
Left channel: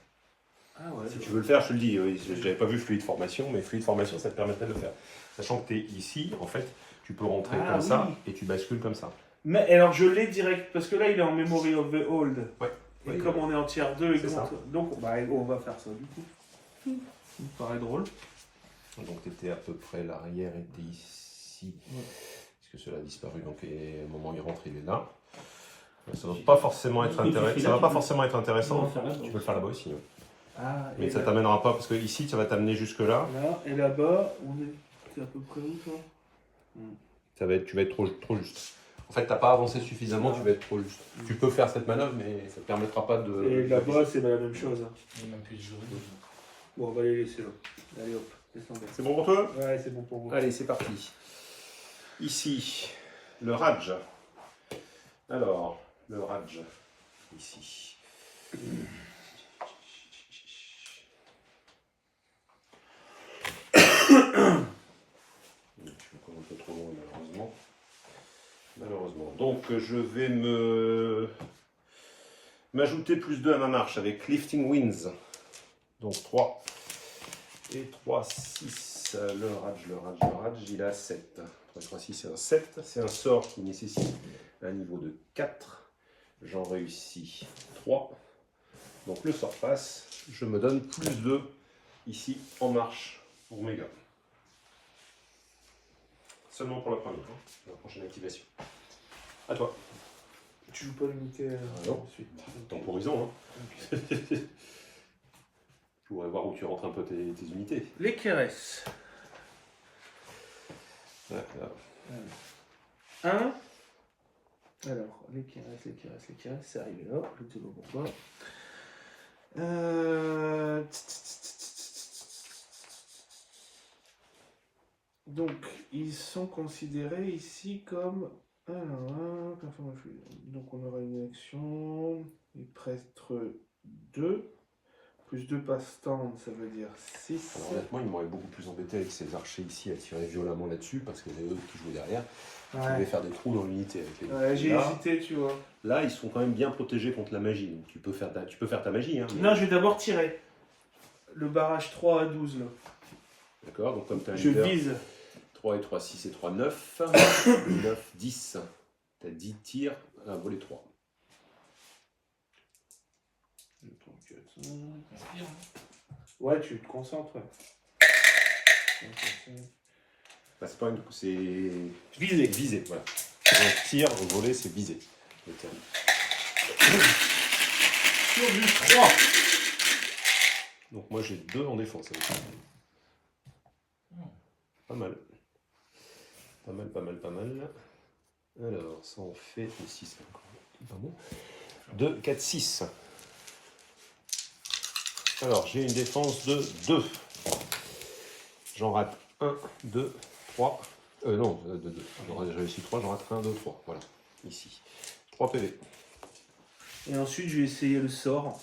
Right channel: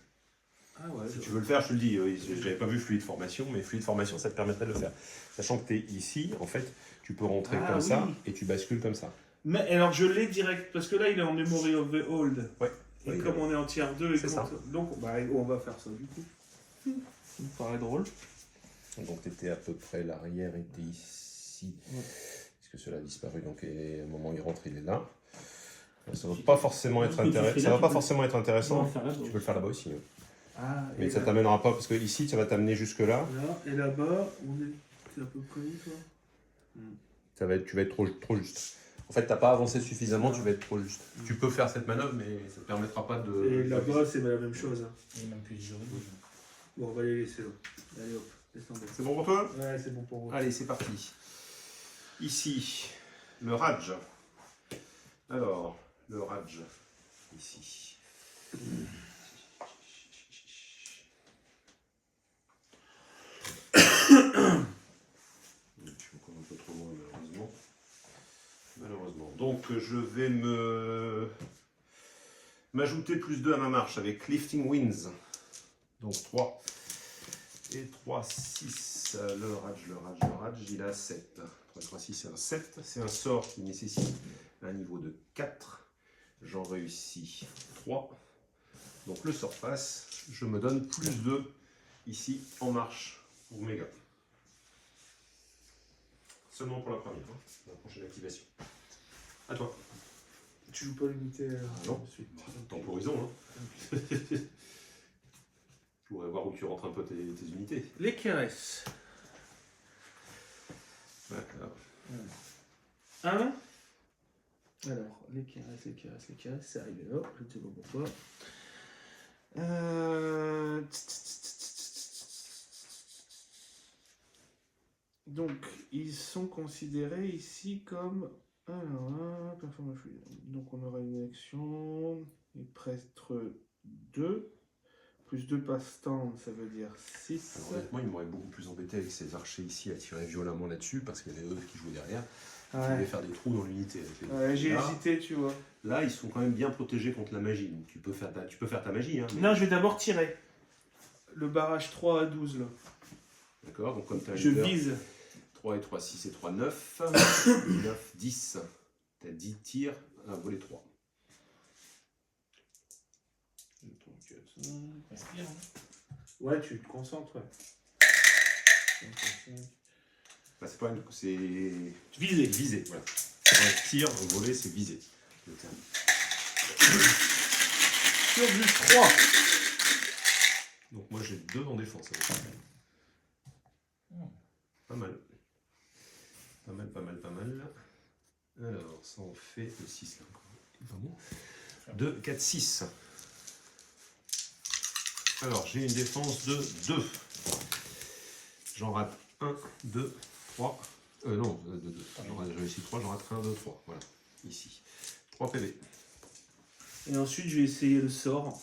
Ah ouais. Si tu veux le faire, je te le dis, oui, j'avais pas vu fluide formation, mais fluide formation ça te permettrait de le faire. Sachant que tu es ici, en fait, tu peux rentrer Ah, comme ça oui. et tu bascules comme ça. Mais alors je l'ai direct, parce que là il est en memory of the old. Ouais. Et Oui, comme on est en tiers 2, c'est ça. donc on va faire ça du coup. Ça me paraît drôle. Donc tu étais à peu près, l'arrière était ici. Ouais. Parce que cela a disparu, donc et au moment où il rentre, il est là. Ça ne va pas forcément être intéressant. Ça va pas forcément être intéressant. Tu peux le faire là-bas aussi. Hein. Ah, Mais et ça là, t'amènera pas, parce que ici, ça va t'amener jusque là. là, et là-bas, on est. C'est à peu près où toi? Tu vas être trop juste. En fait, t'as pas avancé suffisamment, tu vas être trop juste. Mm. Tu peux faire cette manœuvre, mais ça te permettra pas de. Et là-bas, c'est la même chose. Hein. Il y a même plus de jurys. Bon, on va les laisser là. Allez hop, descendez. C'est bon pour toi? Ouais, c'est bon pour vous. Allez, c'est parti. Ici, le Raj. Alors, le Raj, ici. Je suis encore un peu trop loin, malheureusement. Malheureusement. Donc, je vais m'ajouter plus 2 à ma marche avec Lifting Winds. Donc 3. Et 3, 6. Le Raj, il a 7. 3, 3, 6, c'est un 7. C'est un sort qui nécessite un niveau de 4. J'en réussis 3. Donc le sort passe. Je me donne plus 2 ici en marche pour mes gars. Seulement pour la première, hein, la prochaine activation. À toi. Tu joues pas l'unité non. ensuite. Temporisons. Hein. Je voudrais voir où tu rentres un peu tes unités. Les caresses. Ouais, 1. Alors, les caresses, c'est arrivé là. Je ne sais pas pourquoi. Donc, ils sont considérés ici comme. Alors, donc, on aura une action. Il prêtre 2. Plus 2 passe-temps, ça veut dire 6. Alors, honnêtement, il m'aurait beaucoup plus embêté avec ces archers ici à tirer violemment là-dessus parce que les eux qui jouaient derrière. Ils pouvaient faire des trous dans l'unité avec les Ouais, j'ai hésité, tu vois. Là, ils sont quand même bien protégés contre la magie. Donc, tu peux faire ta magie. Hein, mais... Non, je vais d'abord tirer. Le barrage 3 à 12, là. D'accord, donc comme tu as Je vise. 3 et 3, 6 et 3, 9. 9, 10. Tu as 10 tirs à voler 3. Inspire. Ouais, tu te concentres. Ouais. Bah, c'est pas une. C'est. Viser. Viser, voilà. Un tir, voler, c'est viser. Sur du 3. Donc moi j'ai 2 en défense. Pas mal. Pas mal. Alors, ça en fait le 6. Pas bon. 2, 4, 6. Alors, j'ai une défense de 2. J'en rate 1, 2, 3. Non, 2. J'ai réussi 3, j'en rate 1, 2, 3. Voilà, ici. 3 PV. Et ensuite, je vais essayer le sort.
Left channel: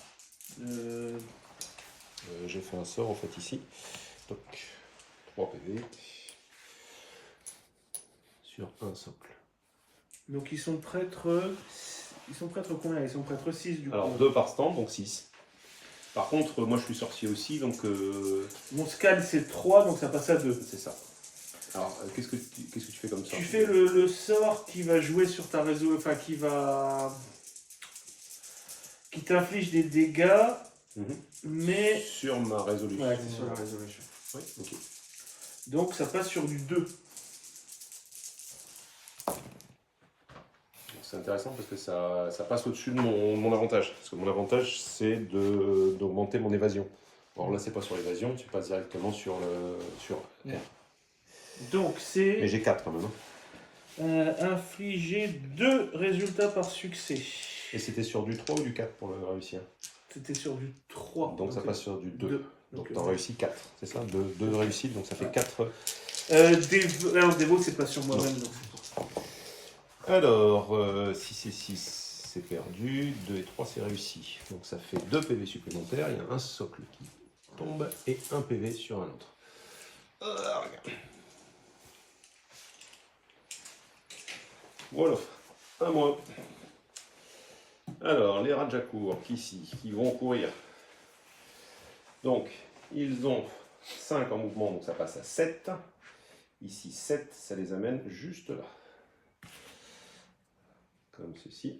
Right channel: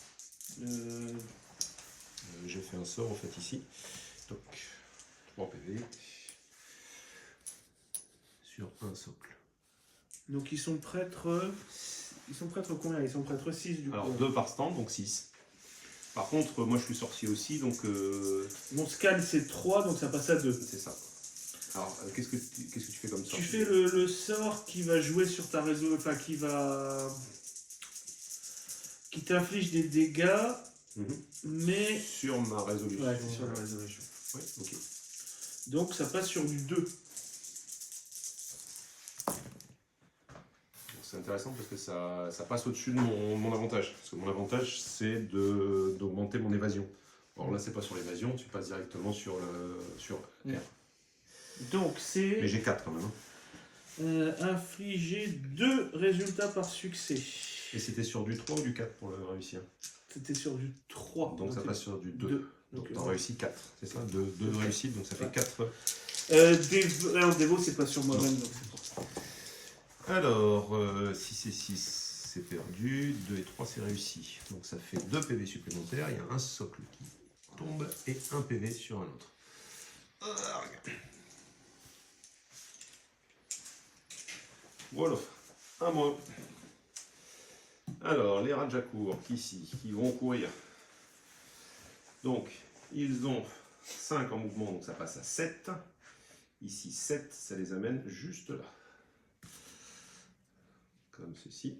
J'ai fait un sort en fait ici. Donc, 3 PV. Sur un socle. Donc, ils sont prêtres. Ils sont prêtres combien? Ils sont prêtres 6 du coup. Alors, 2 par stand, donc 6. Par contre, moi je suis sorcier aussi, donc. Mon scan c'est 3, donc ça passe à 2. C'est ça. Alors, qu'est-ce que tu fais comme ça? Tu fais le sort qui va jouer sur ta réseau. Enfin, qui t'inflige des dégâts, mais. Sur ma résolution. Ouais, c'est sur la résolution. Ouais, ok. Donc ça passe sur du 2. C'est intéressant parce que ça passe au-dessus de mon avantage. Parce que mon avantage, c'est d'augmenter mon évasion. Alors là, c'est pas sur l'évasion, tu passes directement sur R. Donc c'est. Mais j'ai 4 quand même. Hein. Infliger 2 résultats par succès. Et c'était sur du 3 ou du 4 pour le réussir? C'était sur du 3. Donc ça passe sur du 2. Donc tu as réussi 4, c'est ça? 2 réussites, donc ça fait 4. Dévo, c'est pas sur moi-même, donc c'est pour ça. Alors, 6 et 6, c'est perdu. 2 et 3, c'est réussi. Donc ça fait 2 PV supplémentaires. Il y a un socle qui tombe et un PV sur un autre. Voilà, à moi. Alors, les Rajakour, qui vont courir. Donc, ils ont 5 en mouvement, donc ça passe à 7. Ici, 7, ça les amène juste là. Comme ceci.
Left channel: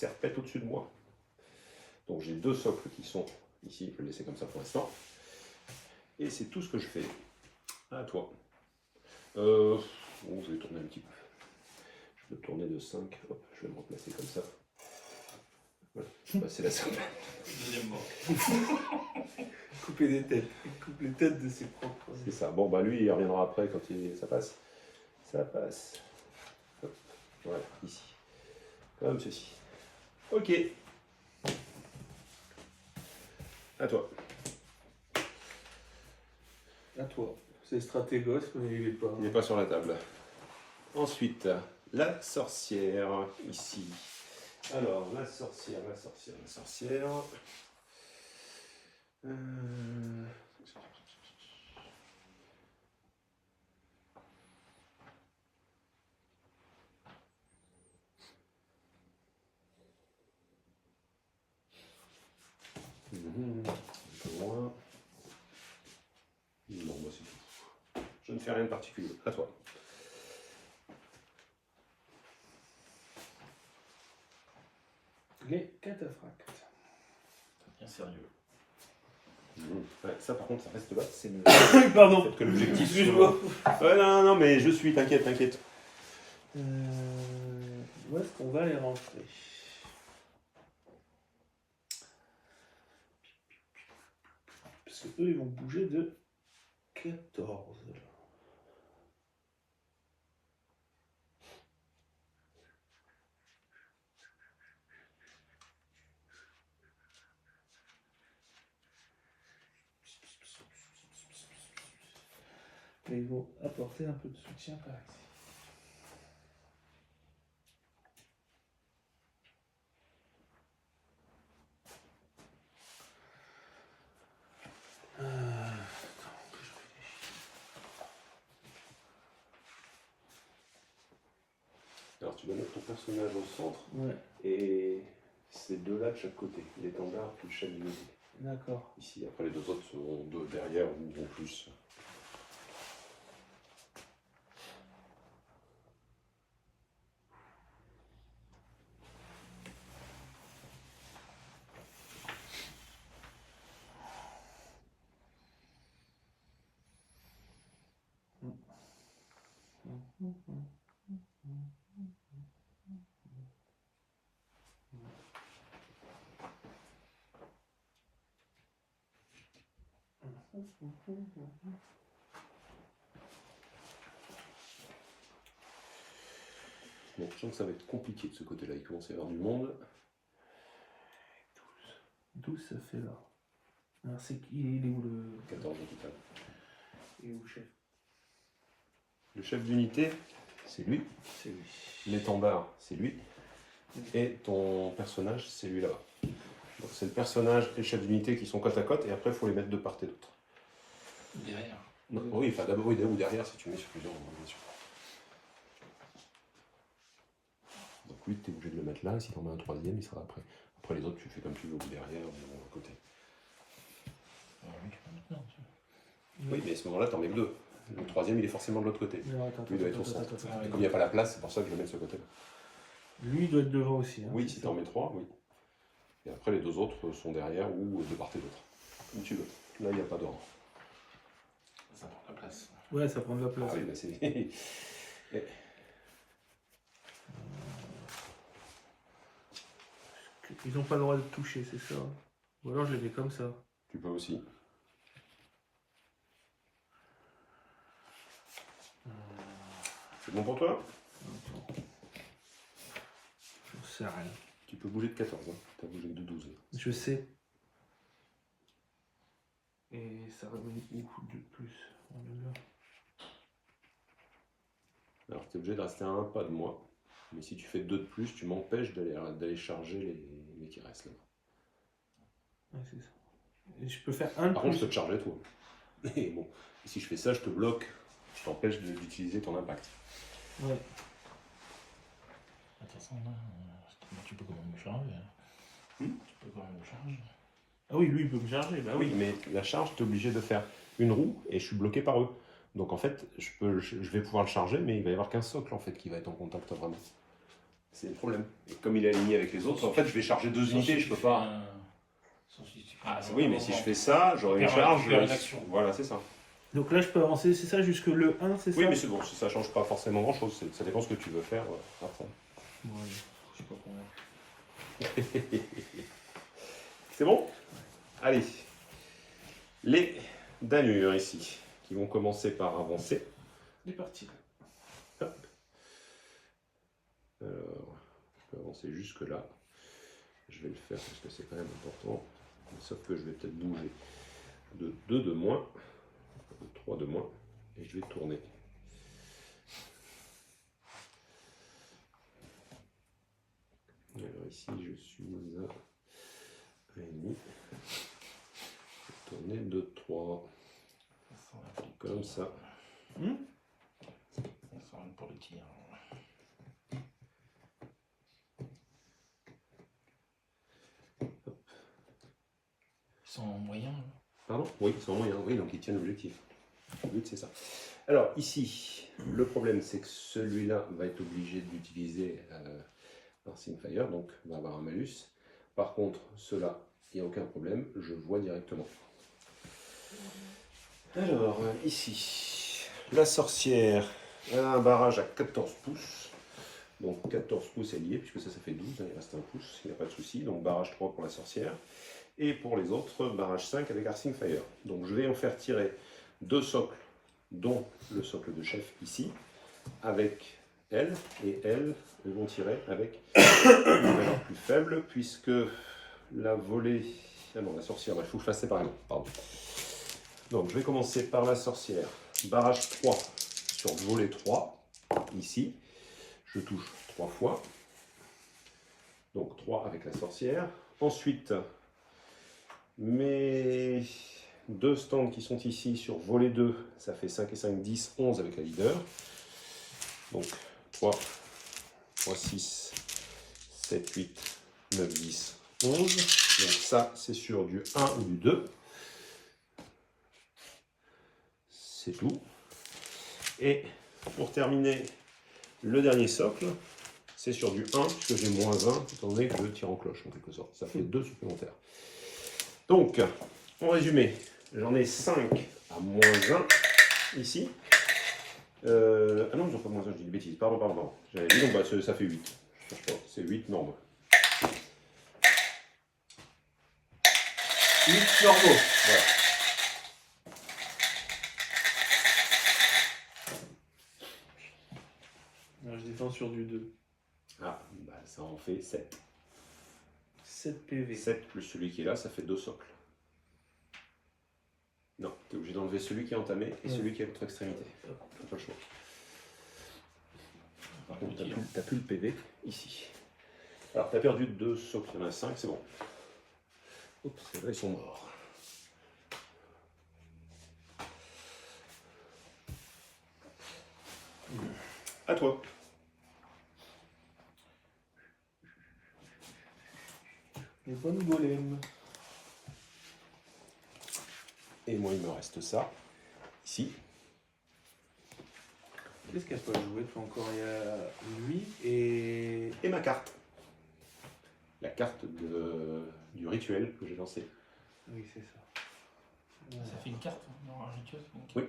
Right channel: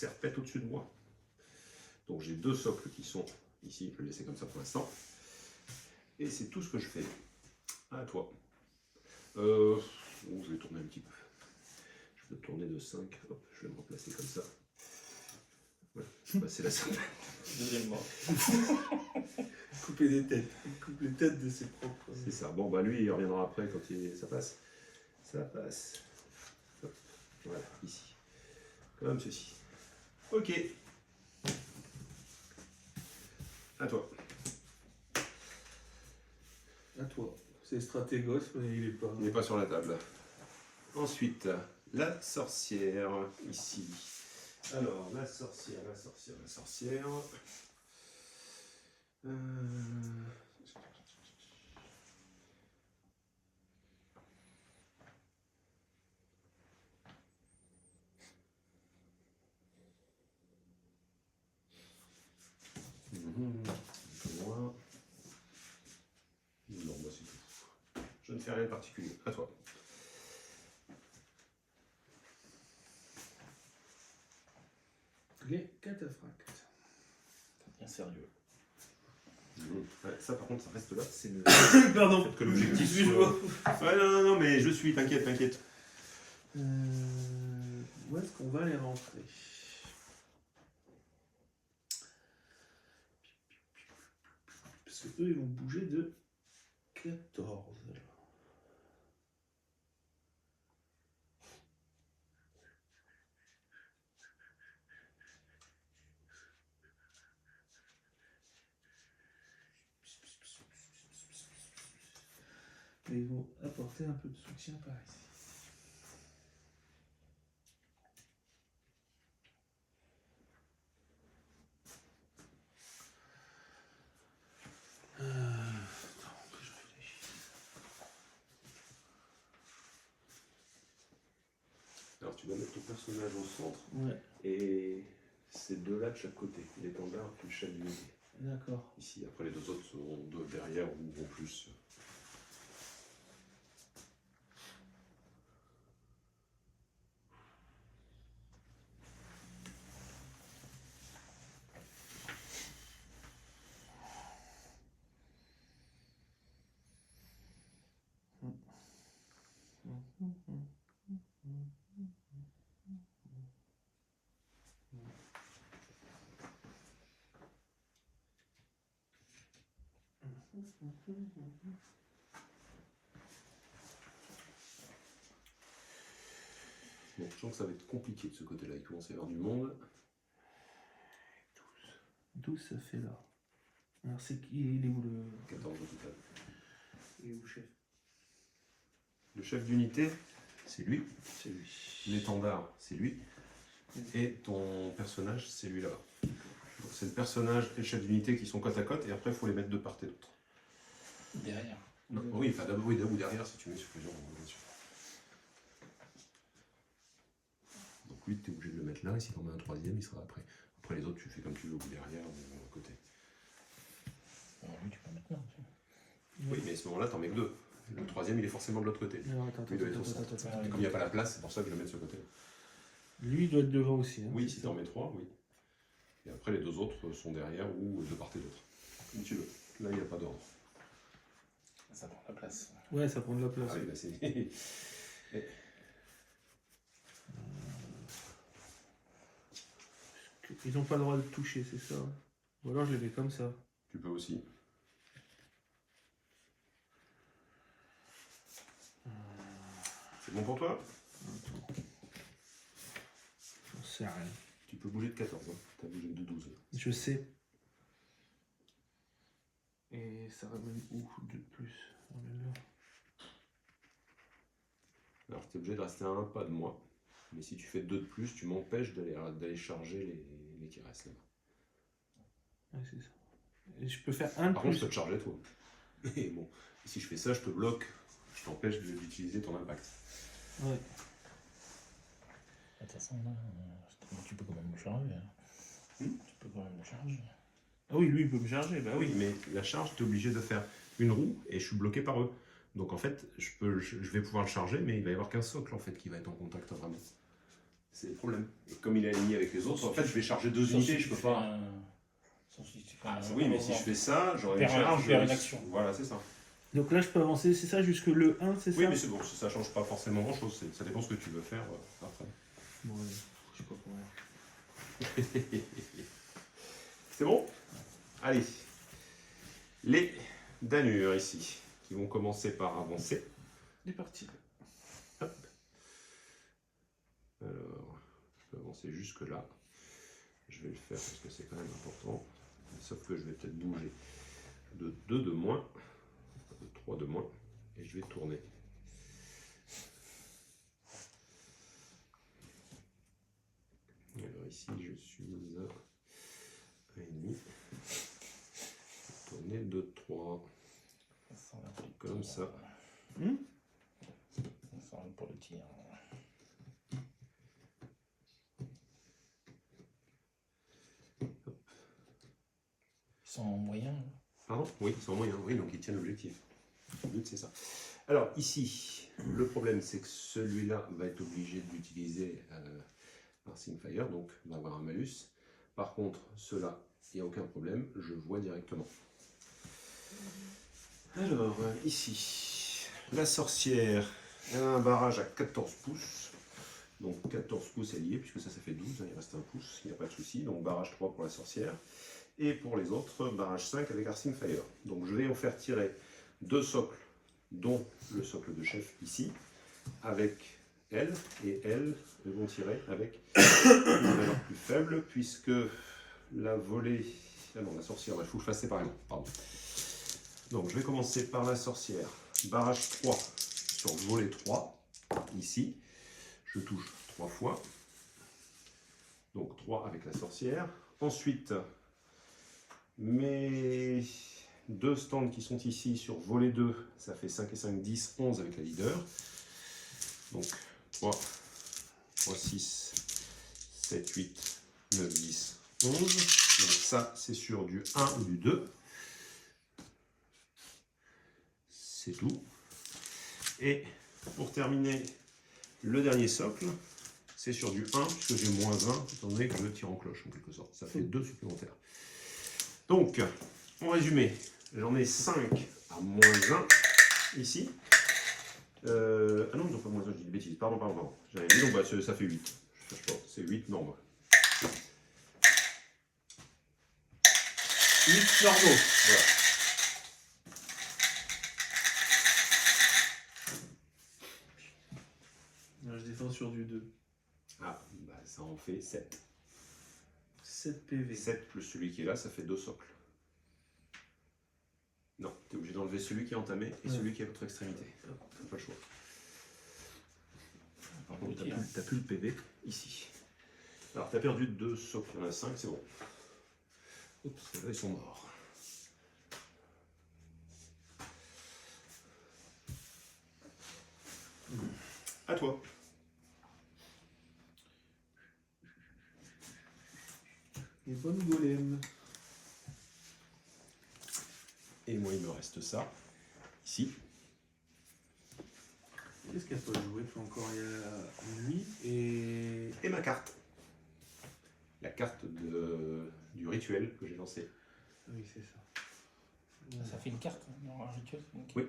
serpette au-dessus de moi. Donc j'ai 2 socles qui sont ici, je vais le laisser comme ça pour l'instant. Et c'est tout ce que je fais. À toi. Bon, je vais tourner un petit peu. Je peux tourner de 5. Hop, je vais me replacer comme ça. Voilà, c'est la serpette. Deuxième mort. Couper des têtes. Il coupe les têtes de ses propres. C'est ça. Bon, bah lui, il reviendra après quand ça passe. Ça passe. Hop. Voilà, ici. Comme ceci. Ok. À toi. À toi. C'est stratégos, mais il est pas. Il n'est pas sur la table. Ensuite, la sorcière, ici. Alors, la sorcière. Un peu loin. Non, moi c'est tout. Je ne fais rien de particulier. À toi. Les cataphractes. Bien sérieux. Ouais, ça par contre, ça reste là. C'est le Pardon. fait que l'objectif Excuse-moi. soit... Ouais, non, mais je suis, t'inquiète. Où est-ce qu'on va les rentrer? Parce que eux, ils vont bouger de 14. Et ils vont apporter un peu de soutien par ici. Alors tu vas mettre ton personnage au centre Ouais, et ces deux-là de chaque côté. L'étendard puis le chef du milieu. d'accord. Ici, après les deux autres seront deux derrière ou plus. Bon, je sens que ça va être compliqué de ce côté-là. Il commence à y avoir du monde. 12, ça fait là. Alors, c'est qui? Il est où le. 14 au total. Il est où le chef? Le chef d'unité, c'est lui. C'est lui. L'étendard, c'est lui. Et ton personnage, c'est lui là. Donc c'est le personnage et le chef d'unité qui sont côte à côte et après il faut les mettre de part et d'autre. Derrière. Non, oui, enfin d'abord oui, ou derrière si tu mets sur plusieurs, bien sûr. Donc lui, tu es obligé de le mettre là et si tu en mets un troisième, il sera après. Après les autres, tu fais comme tu veux, ou derrière ou à côté. Lui, tu peux mettre là aussi. Oui, mais à ce moment-là, tu en mets que deux. Le troisième, il est forcément de l'autre côté. Alors, attends, Lui, il doit être au attends, centre. attends, Ah, attends. Et comme il n'y a pas la place, c'est pour ça que je le mets de ce côté-là. Lui, il doit être devant aussi. Hein. Oui, si tu en mets trois, oui. Et après, les deux autres sont derrière ou de part et d'autre. Comme tu veux. Là, il n'y a pas d'ordre. Ça prend la place. Ouais, ça prend de la place. Ah oui, bah c'est. Ils n'ont pas le droit de toucher, c'est ça. Ou alors je les mets comme ça. Tu peux aussi. C'est bon pour toi? Attends. J'en sais rien. Tu peux bouger de 14, hein. Tu as bougé de 12. Je sais. Et ça ramène où de plus? Ramène là. Alors tu es obligé de rester à un pas de moi. Mais si tu fais 2 de plus, tu m'empêches d'aller charger les qui restent là. Ouais, c'est ça. Et je peux faire un de Par contre, plus. je peux te charger toi. Mais bon, si je fais ça, je te bloque. Je t'empêche d'utiliser ton impact. Ouais. De toute façon, là, tu peux quand même me charger. Tu peux quand même me charger. Ah oui, lui, il peut me charger. Bah Ah oui, oui. mais la charge, tu es obligé de faire une roue et je suis bloqué par eux. Donc en fait, je vais pouvoir le charger, mais il va y avoir qu'un socle en fait qui va être en contact vraiment. c'est le problème. Et comme il est aligné avec les autres, en fait, je vais charger 2 unités, je peux pas. Oui, mais si je fais ça, j'aurai une charge. Une action. Voilà, c'est ça. Donc là, je peux avancer, c'est ça, jusque le 1, c'est ça? Oui, mais c'est bon, ça change pas forcément grand chose. Ça dépend ce que tu veux faire après. Ouais, je sais pas combien. C'est bon? Allez. Les Danures ici, qui vont commencer par avancer. C'est parti. Hop. Alors, je peux avancer jusque là. Je vais le faire parce que c'est quand même important. Sauf que je vais peut-être bouger de 2 de moins, de 3 de moins, et je vais tourner. Et alors ici, je suis à 1,5. Je vais tourner de 3, comme ça. Ça rentre pour le tir. Ils sont moyens. Pardon? Oui, ils sont moyens, oui, donc ils tiennent l'objectif. Le but, c'est ça. Alors, ici, le problème, c'est que celui-là va être obligé d'utiliser un Simfire, donc va avoir un malus. Par contre, ceux-là, il n'y a aucun problème, je vois directement. Alors, ici, la sorcière, elle a un barrage à 14 pouces. Donc 14 pouces est lié, puisque ça fait 12, il reste un pouce, il n'y a pas de souci. Donc barrage 3 pour la sorcière. Et pour les autres, barrage 5 avec Arcing Fire. Donc je vais en faire tirer 2 socles, dont le socle de chef ici, avec elle, et elles vont tirer avec une valeur plus faible, puisque la volée... Ah non, la sorcière, il faut que je fasse séparément, pardon. Donc je vais commencer par la sorcière. Barrage 3 sur volée 3, ici. Je touche 3 fois. Donc 3 avec la sorcière. Ensuite, mes 2 stands qui sont ici sur volet 2, ça fait 5 et 5, 10, 11 avec la leader. Donc 3, 3, 6, 7, 8, 9, 10, 11. Donc ça, c'est sur du 1 ou du 2. C'est tout. Et pour terminer, le dernier socle, c'est sur du 1, puisque j'ai moins 1, étant donné que je tire en cloche, en quelque sorte. Ça fait 2 supplémentaires. Donc, en résumé, j'en ai 5 à moins 1 ici. Ah non, ils n'ont pas moins 1, je dis des bêtises. Pardon. J'avais dit, donc bah, ça fait 8. Je cherche pas, c'est 8 normaux. 8 normaux. Voilà. Je défends sur du 2. Ah, bah, ça en fait 7. 7 PV. 7 plus celui qui est là, ça fait 2 socles. Non, tu es obligé d'enlever celui qui est entamé et celui qui est à l'autre extrémité. T'as pas le choix. Donc, t'as plus le PV ici. Alors, tu as perdu 2 socles, il y en a 5, c'est bon. Oups, là, ils sont morts. À toi. Les bonnes golems. Et moi, il me reste ça, ici. Qu'est-ce qu'elle peut jouer? Encore il y a lui et... Et ma carte. La carte du rituel que j'ai lancé. Oui, c'est ça. Ça fait une carte dans un rituel. Oui.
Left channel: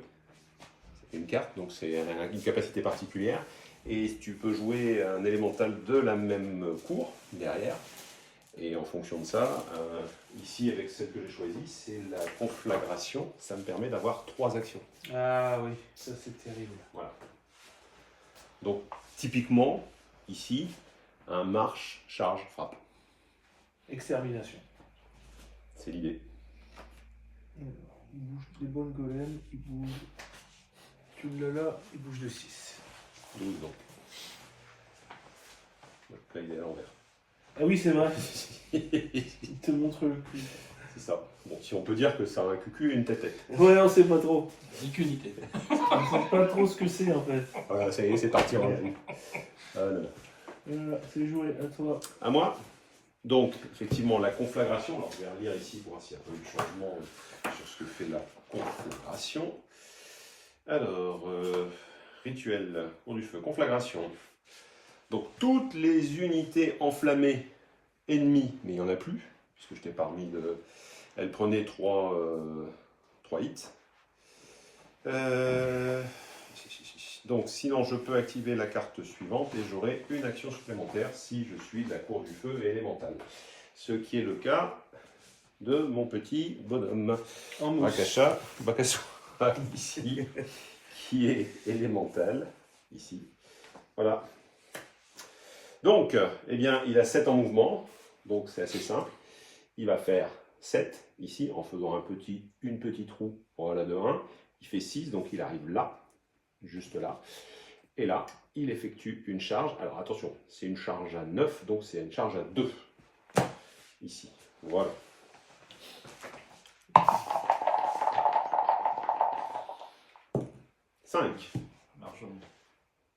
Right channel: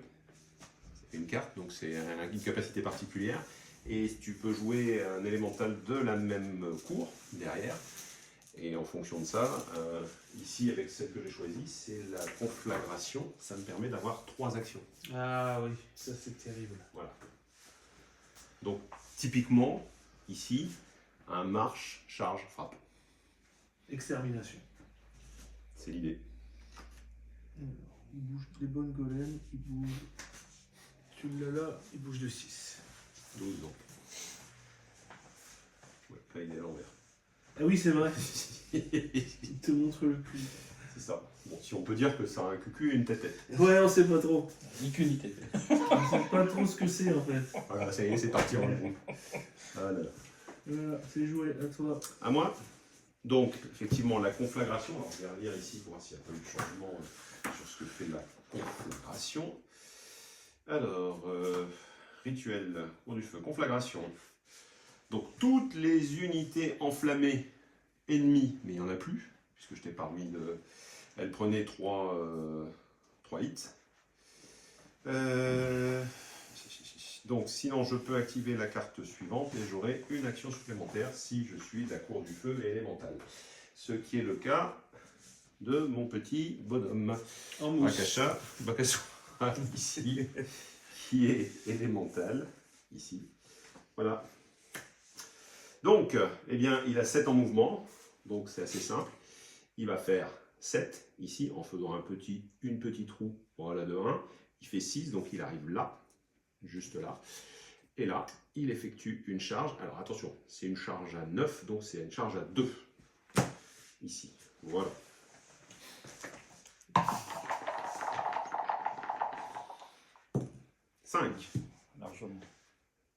C'est une carte, donc c'est une capacité particulière. Et tu peux jouer un élémental de la même cour derrière. Et en fonction de ça, ici avec celle que j'ai choisie, c'est la conflagration. Ça me permet d'avoir 3 actions. Ah oui, ça c'est terrible. Voilà. Donc typiquement, ici, un marche, charge, frappe. Extermination. C'est l'idée. Alors, il bouge des bonnes golems, il bouge... Tu l'as là, il bouge de 6. 12 donc. Ouais, là il est à l'envers. Ah oui, c'est vrai. Il te montre le cul. C'est ça. Bon, si on peut dire que ça a un cucu et une tête. Ouais, on sait pas trop. Ni qu'une unité. On sait pas trop ce que c'est en fait. Voilà, ça y est, c'est parti. Ah, là, là. Voilà, c'est joué, à toi. À moi. Donc, effectivement, la conflagration. Alors, je vais relire ici pour voir s'il n'y a pas eu de changement sur ce que fait la conflagration. Alors, rituel, cours du feu, conflagration. Donc toutes les unités enflammées ennemies, mais il n'y en a plus, puisque je t'ai pas remis de... Elle prenait 3 hits. Donc sinon je peux activer la carte suivante et j'aurai une action supplémentaire si je suis de la cour du feu élémentale. Ce qui est le cas de mon petit bonhomme. En mousse. Bakasu, ici, qui est élémental, ici. Voilà. Donc, eh bien, il a 7 en mouvement, donc c'est assez simple. Il va faire 7 ici en faisant une petite roue, voilà, de 1. Il fait 6, donc il arrive là, juste là. Et là, il effectue une charge. Alors attention, c'est une charge à 9, donc c'est une charge à 2. Ici, voilà. Largement.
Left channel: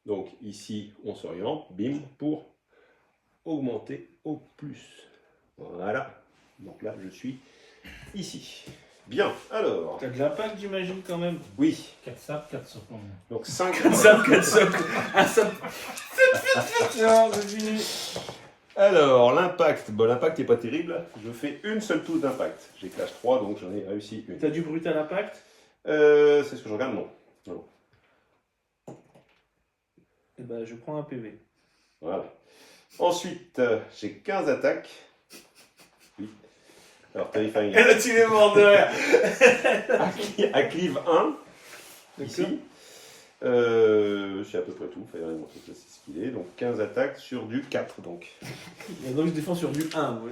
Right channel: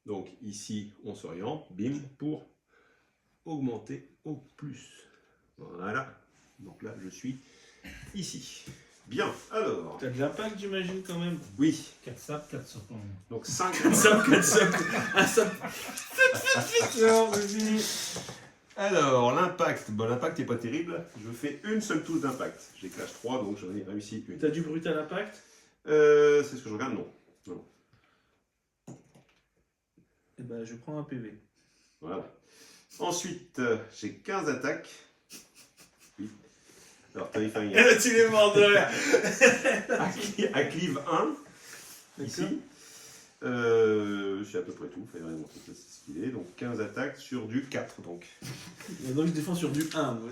Donc ici, on s'oriente, bim, pour augmenter au plus. Voilà. Donc là, je suis ici. Bien, alors. T'as de l'impact, j'imagine, quand même. Oui, 4 sables, 4 socles. donc 5. Ça, un ça. Non, c'est fini. Alors, l'impact. Bon, l'impact n'est pas terrible. Je fais une seule touche d'impact. J'ai clash 3, donc j'en ai réussi une. T'as du brutal impact? C'est ce que je regarde, non. Eh ben, je prends un PV. Voilà. Ensuite, j'ai 15 attaques. Oui. Alors, Terrifying. Et là, tu es mort de rire. À cleave 1. Ici. C'est à peu près tout. Il fallait montrer que c'est ce qu'il est. Donc 15 attaques sur du 4. Donc. Et donc, je défends sur du 1. Moi.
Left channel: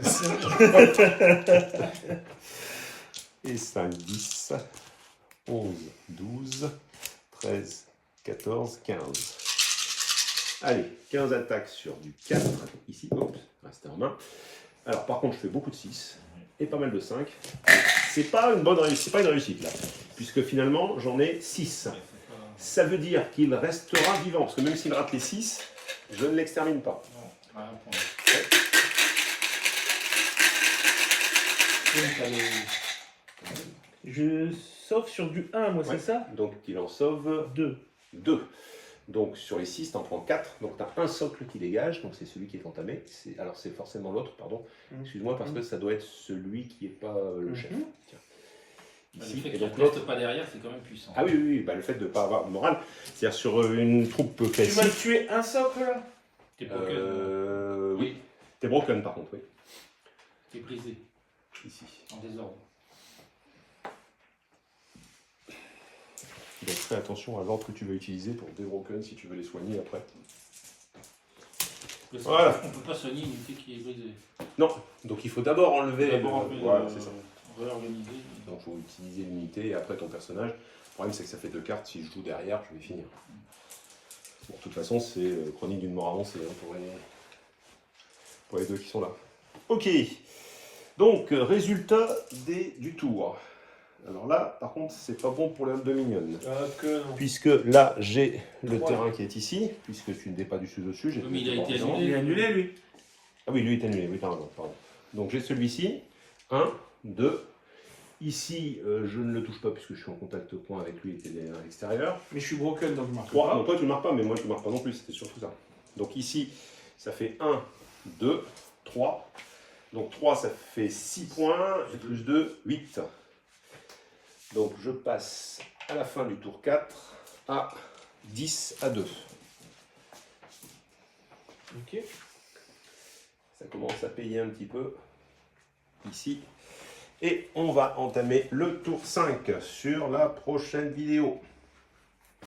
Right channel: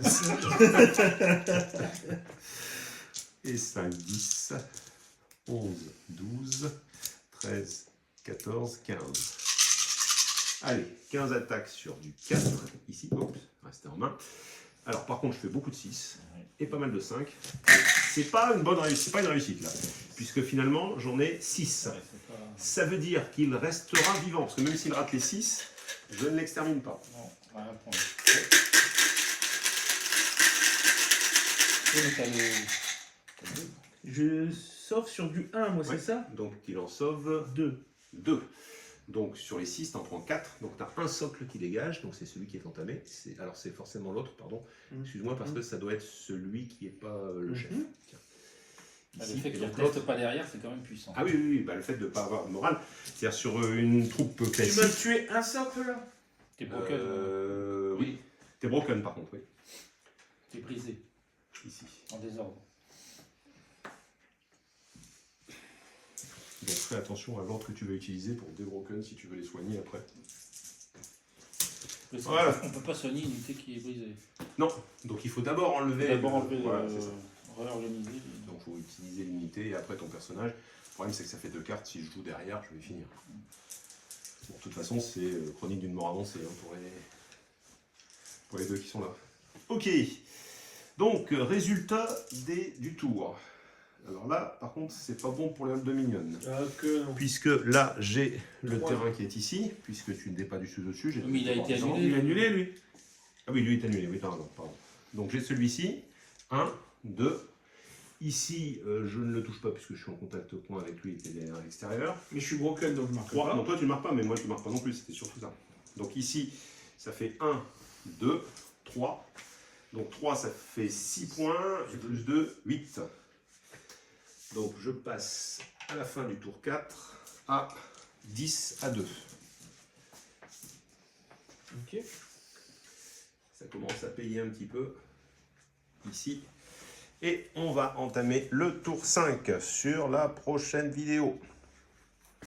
Et 5, 10, 11, 12, 13, 14, 15. Allez, 15 attaques sur du 4. Ici, hop, restez en main. Alors par contre, je fais beaucoup de 6 et pas mal de 5. C'est pas une bonne réussite, c'est pas une réussite là. Puisque finalement, j'en ai 6. Ça veut dire qu'il restera vivant. Parce que même s'il rate les 6, je ne l'extermine pas. Non, rien prendre. Je sauve sur du 1, moi, Ouais. c'est ça? Donc il en sauve 2. 2. Donc sur les 6, tu en prends 4. Donc tu as un socle qui dégage, donc c'est celui qui est entamé. Alors c'est forcément l'autre, pardon. Excuse-moi, parce que ça doit être celui qui n'est pas le chef. Tiens. Le Ici, fait et qu'il donc ne l'autre. reste pas derrière, c'est quand même puissant. Ah oui, oui, oui, bah, le fait de ne pas avoir de morale. C'est-à-dire sur une troupe Tu classique. m'as tué un socle, là? T'es broken. Oui. T'es broken par contre, oui. T'es brisé, Ici. en désordre. Donc fais attention à l'ordre que tu vas utiliser pour des broken si tu veux les soigner après. Voilà. On ne peut pas soigner une unité qui est brisée. Non, donc il faut d'abord enlever. D'abord enlever, Voilà, c'est ça. réorganiser. Donc il faut utiliser l'unité et après ton personnage. Le problème c'est que ça fait 2 cartes, si je joue derrière, je vais finir. Bon, de toute façon, c'est chronique d'une mort avancée hein, pour les deux qui sont là. Ok, donc résultat du tour. Alors là, par contre, c'est pas bon pour les halles de mignonne. Ah, que non. Puisque là, j'ai le Trois. terrain qui est ici, puisque tu n'es pas du tout au-dessus. Oui, mais il a été annulé. Il est annulé, lui. Ah oui, lui est annulé, oui, t'as raison, pardon. Donc j'ai celui-ci, 1, 2. Ici, je ne le touche pas puisque je suis en contact point avec lui, il était à l'extérieur. Mais je suis broken, donc je marque 3, pas. non, toi tu ne marques pas, mais moi je ne marque pas non plus, c'était surtout ça. Donc ici, ça fait 1, 2, 3. Donc 3, ça fait 6 points, et plus 2, 8. Donc je passe à la fin du tour 4 à 10 à 2. Ok. Ça commence à payer un petit peu ici. Et on va entamer le tour 5 sur la prochaine vidéo.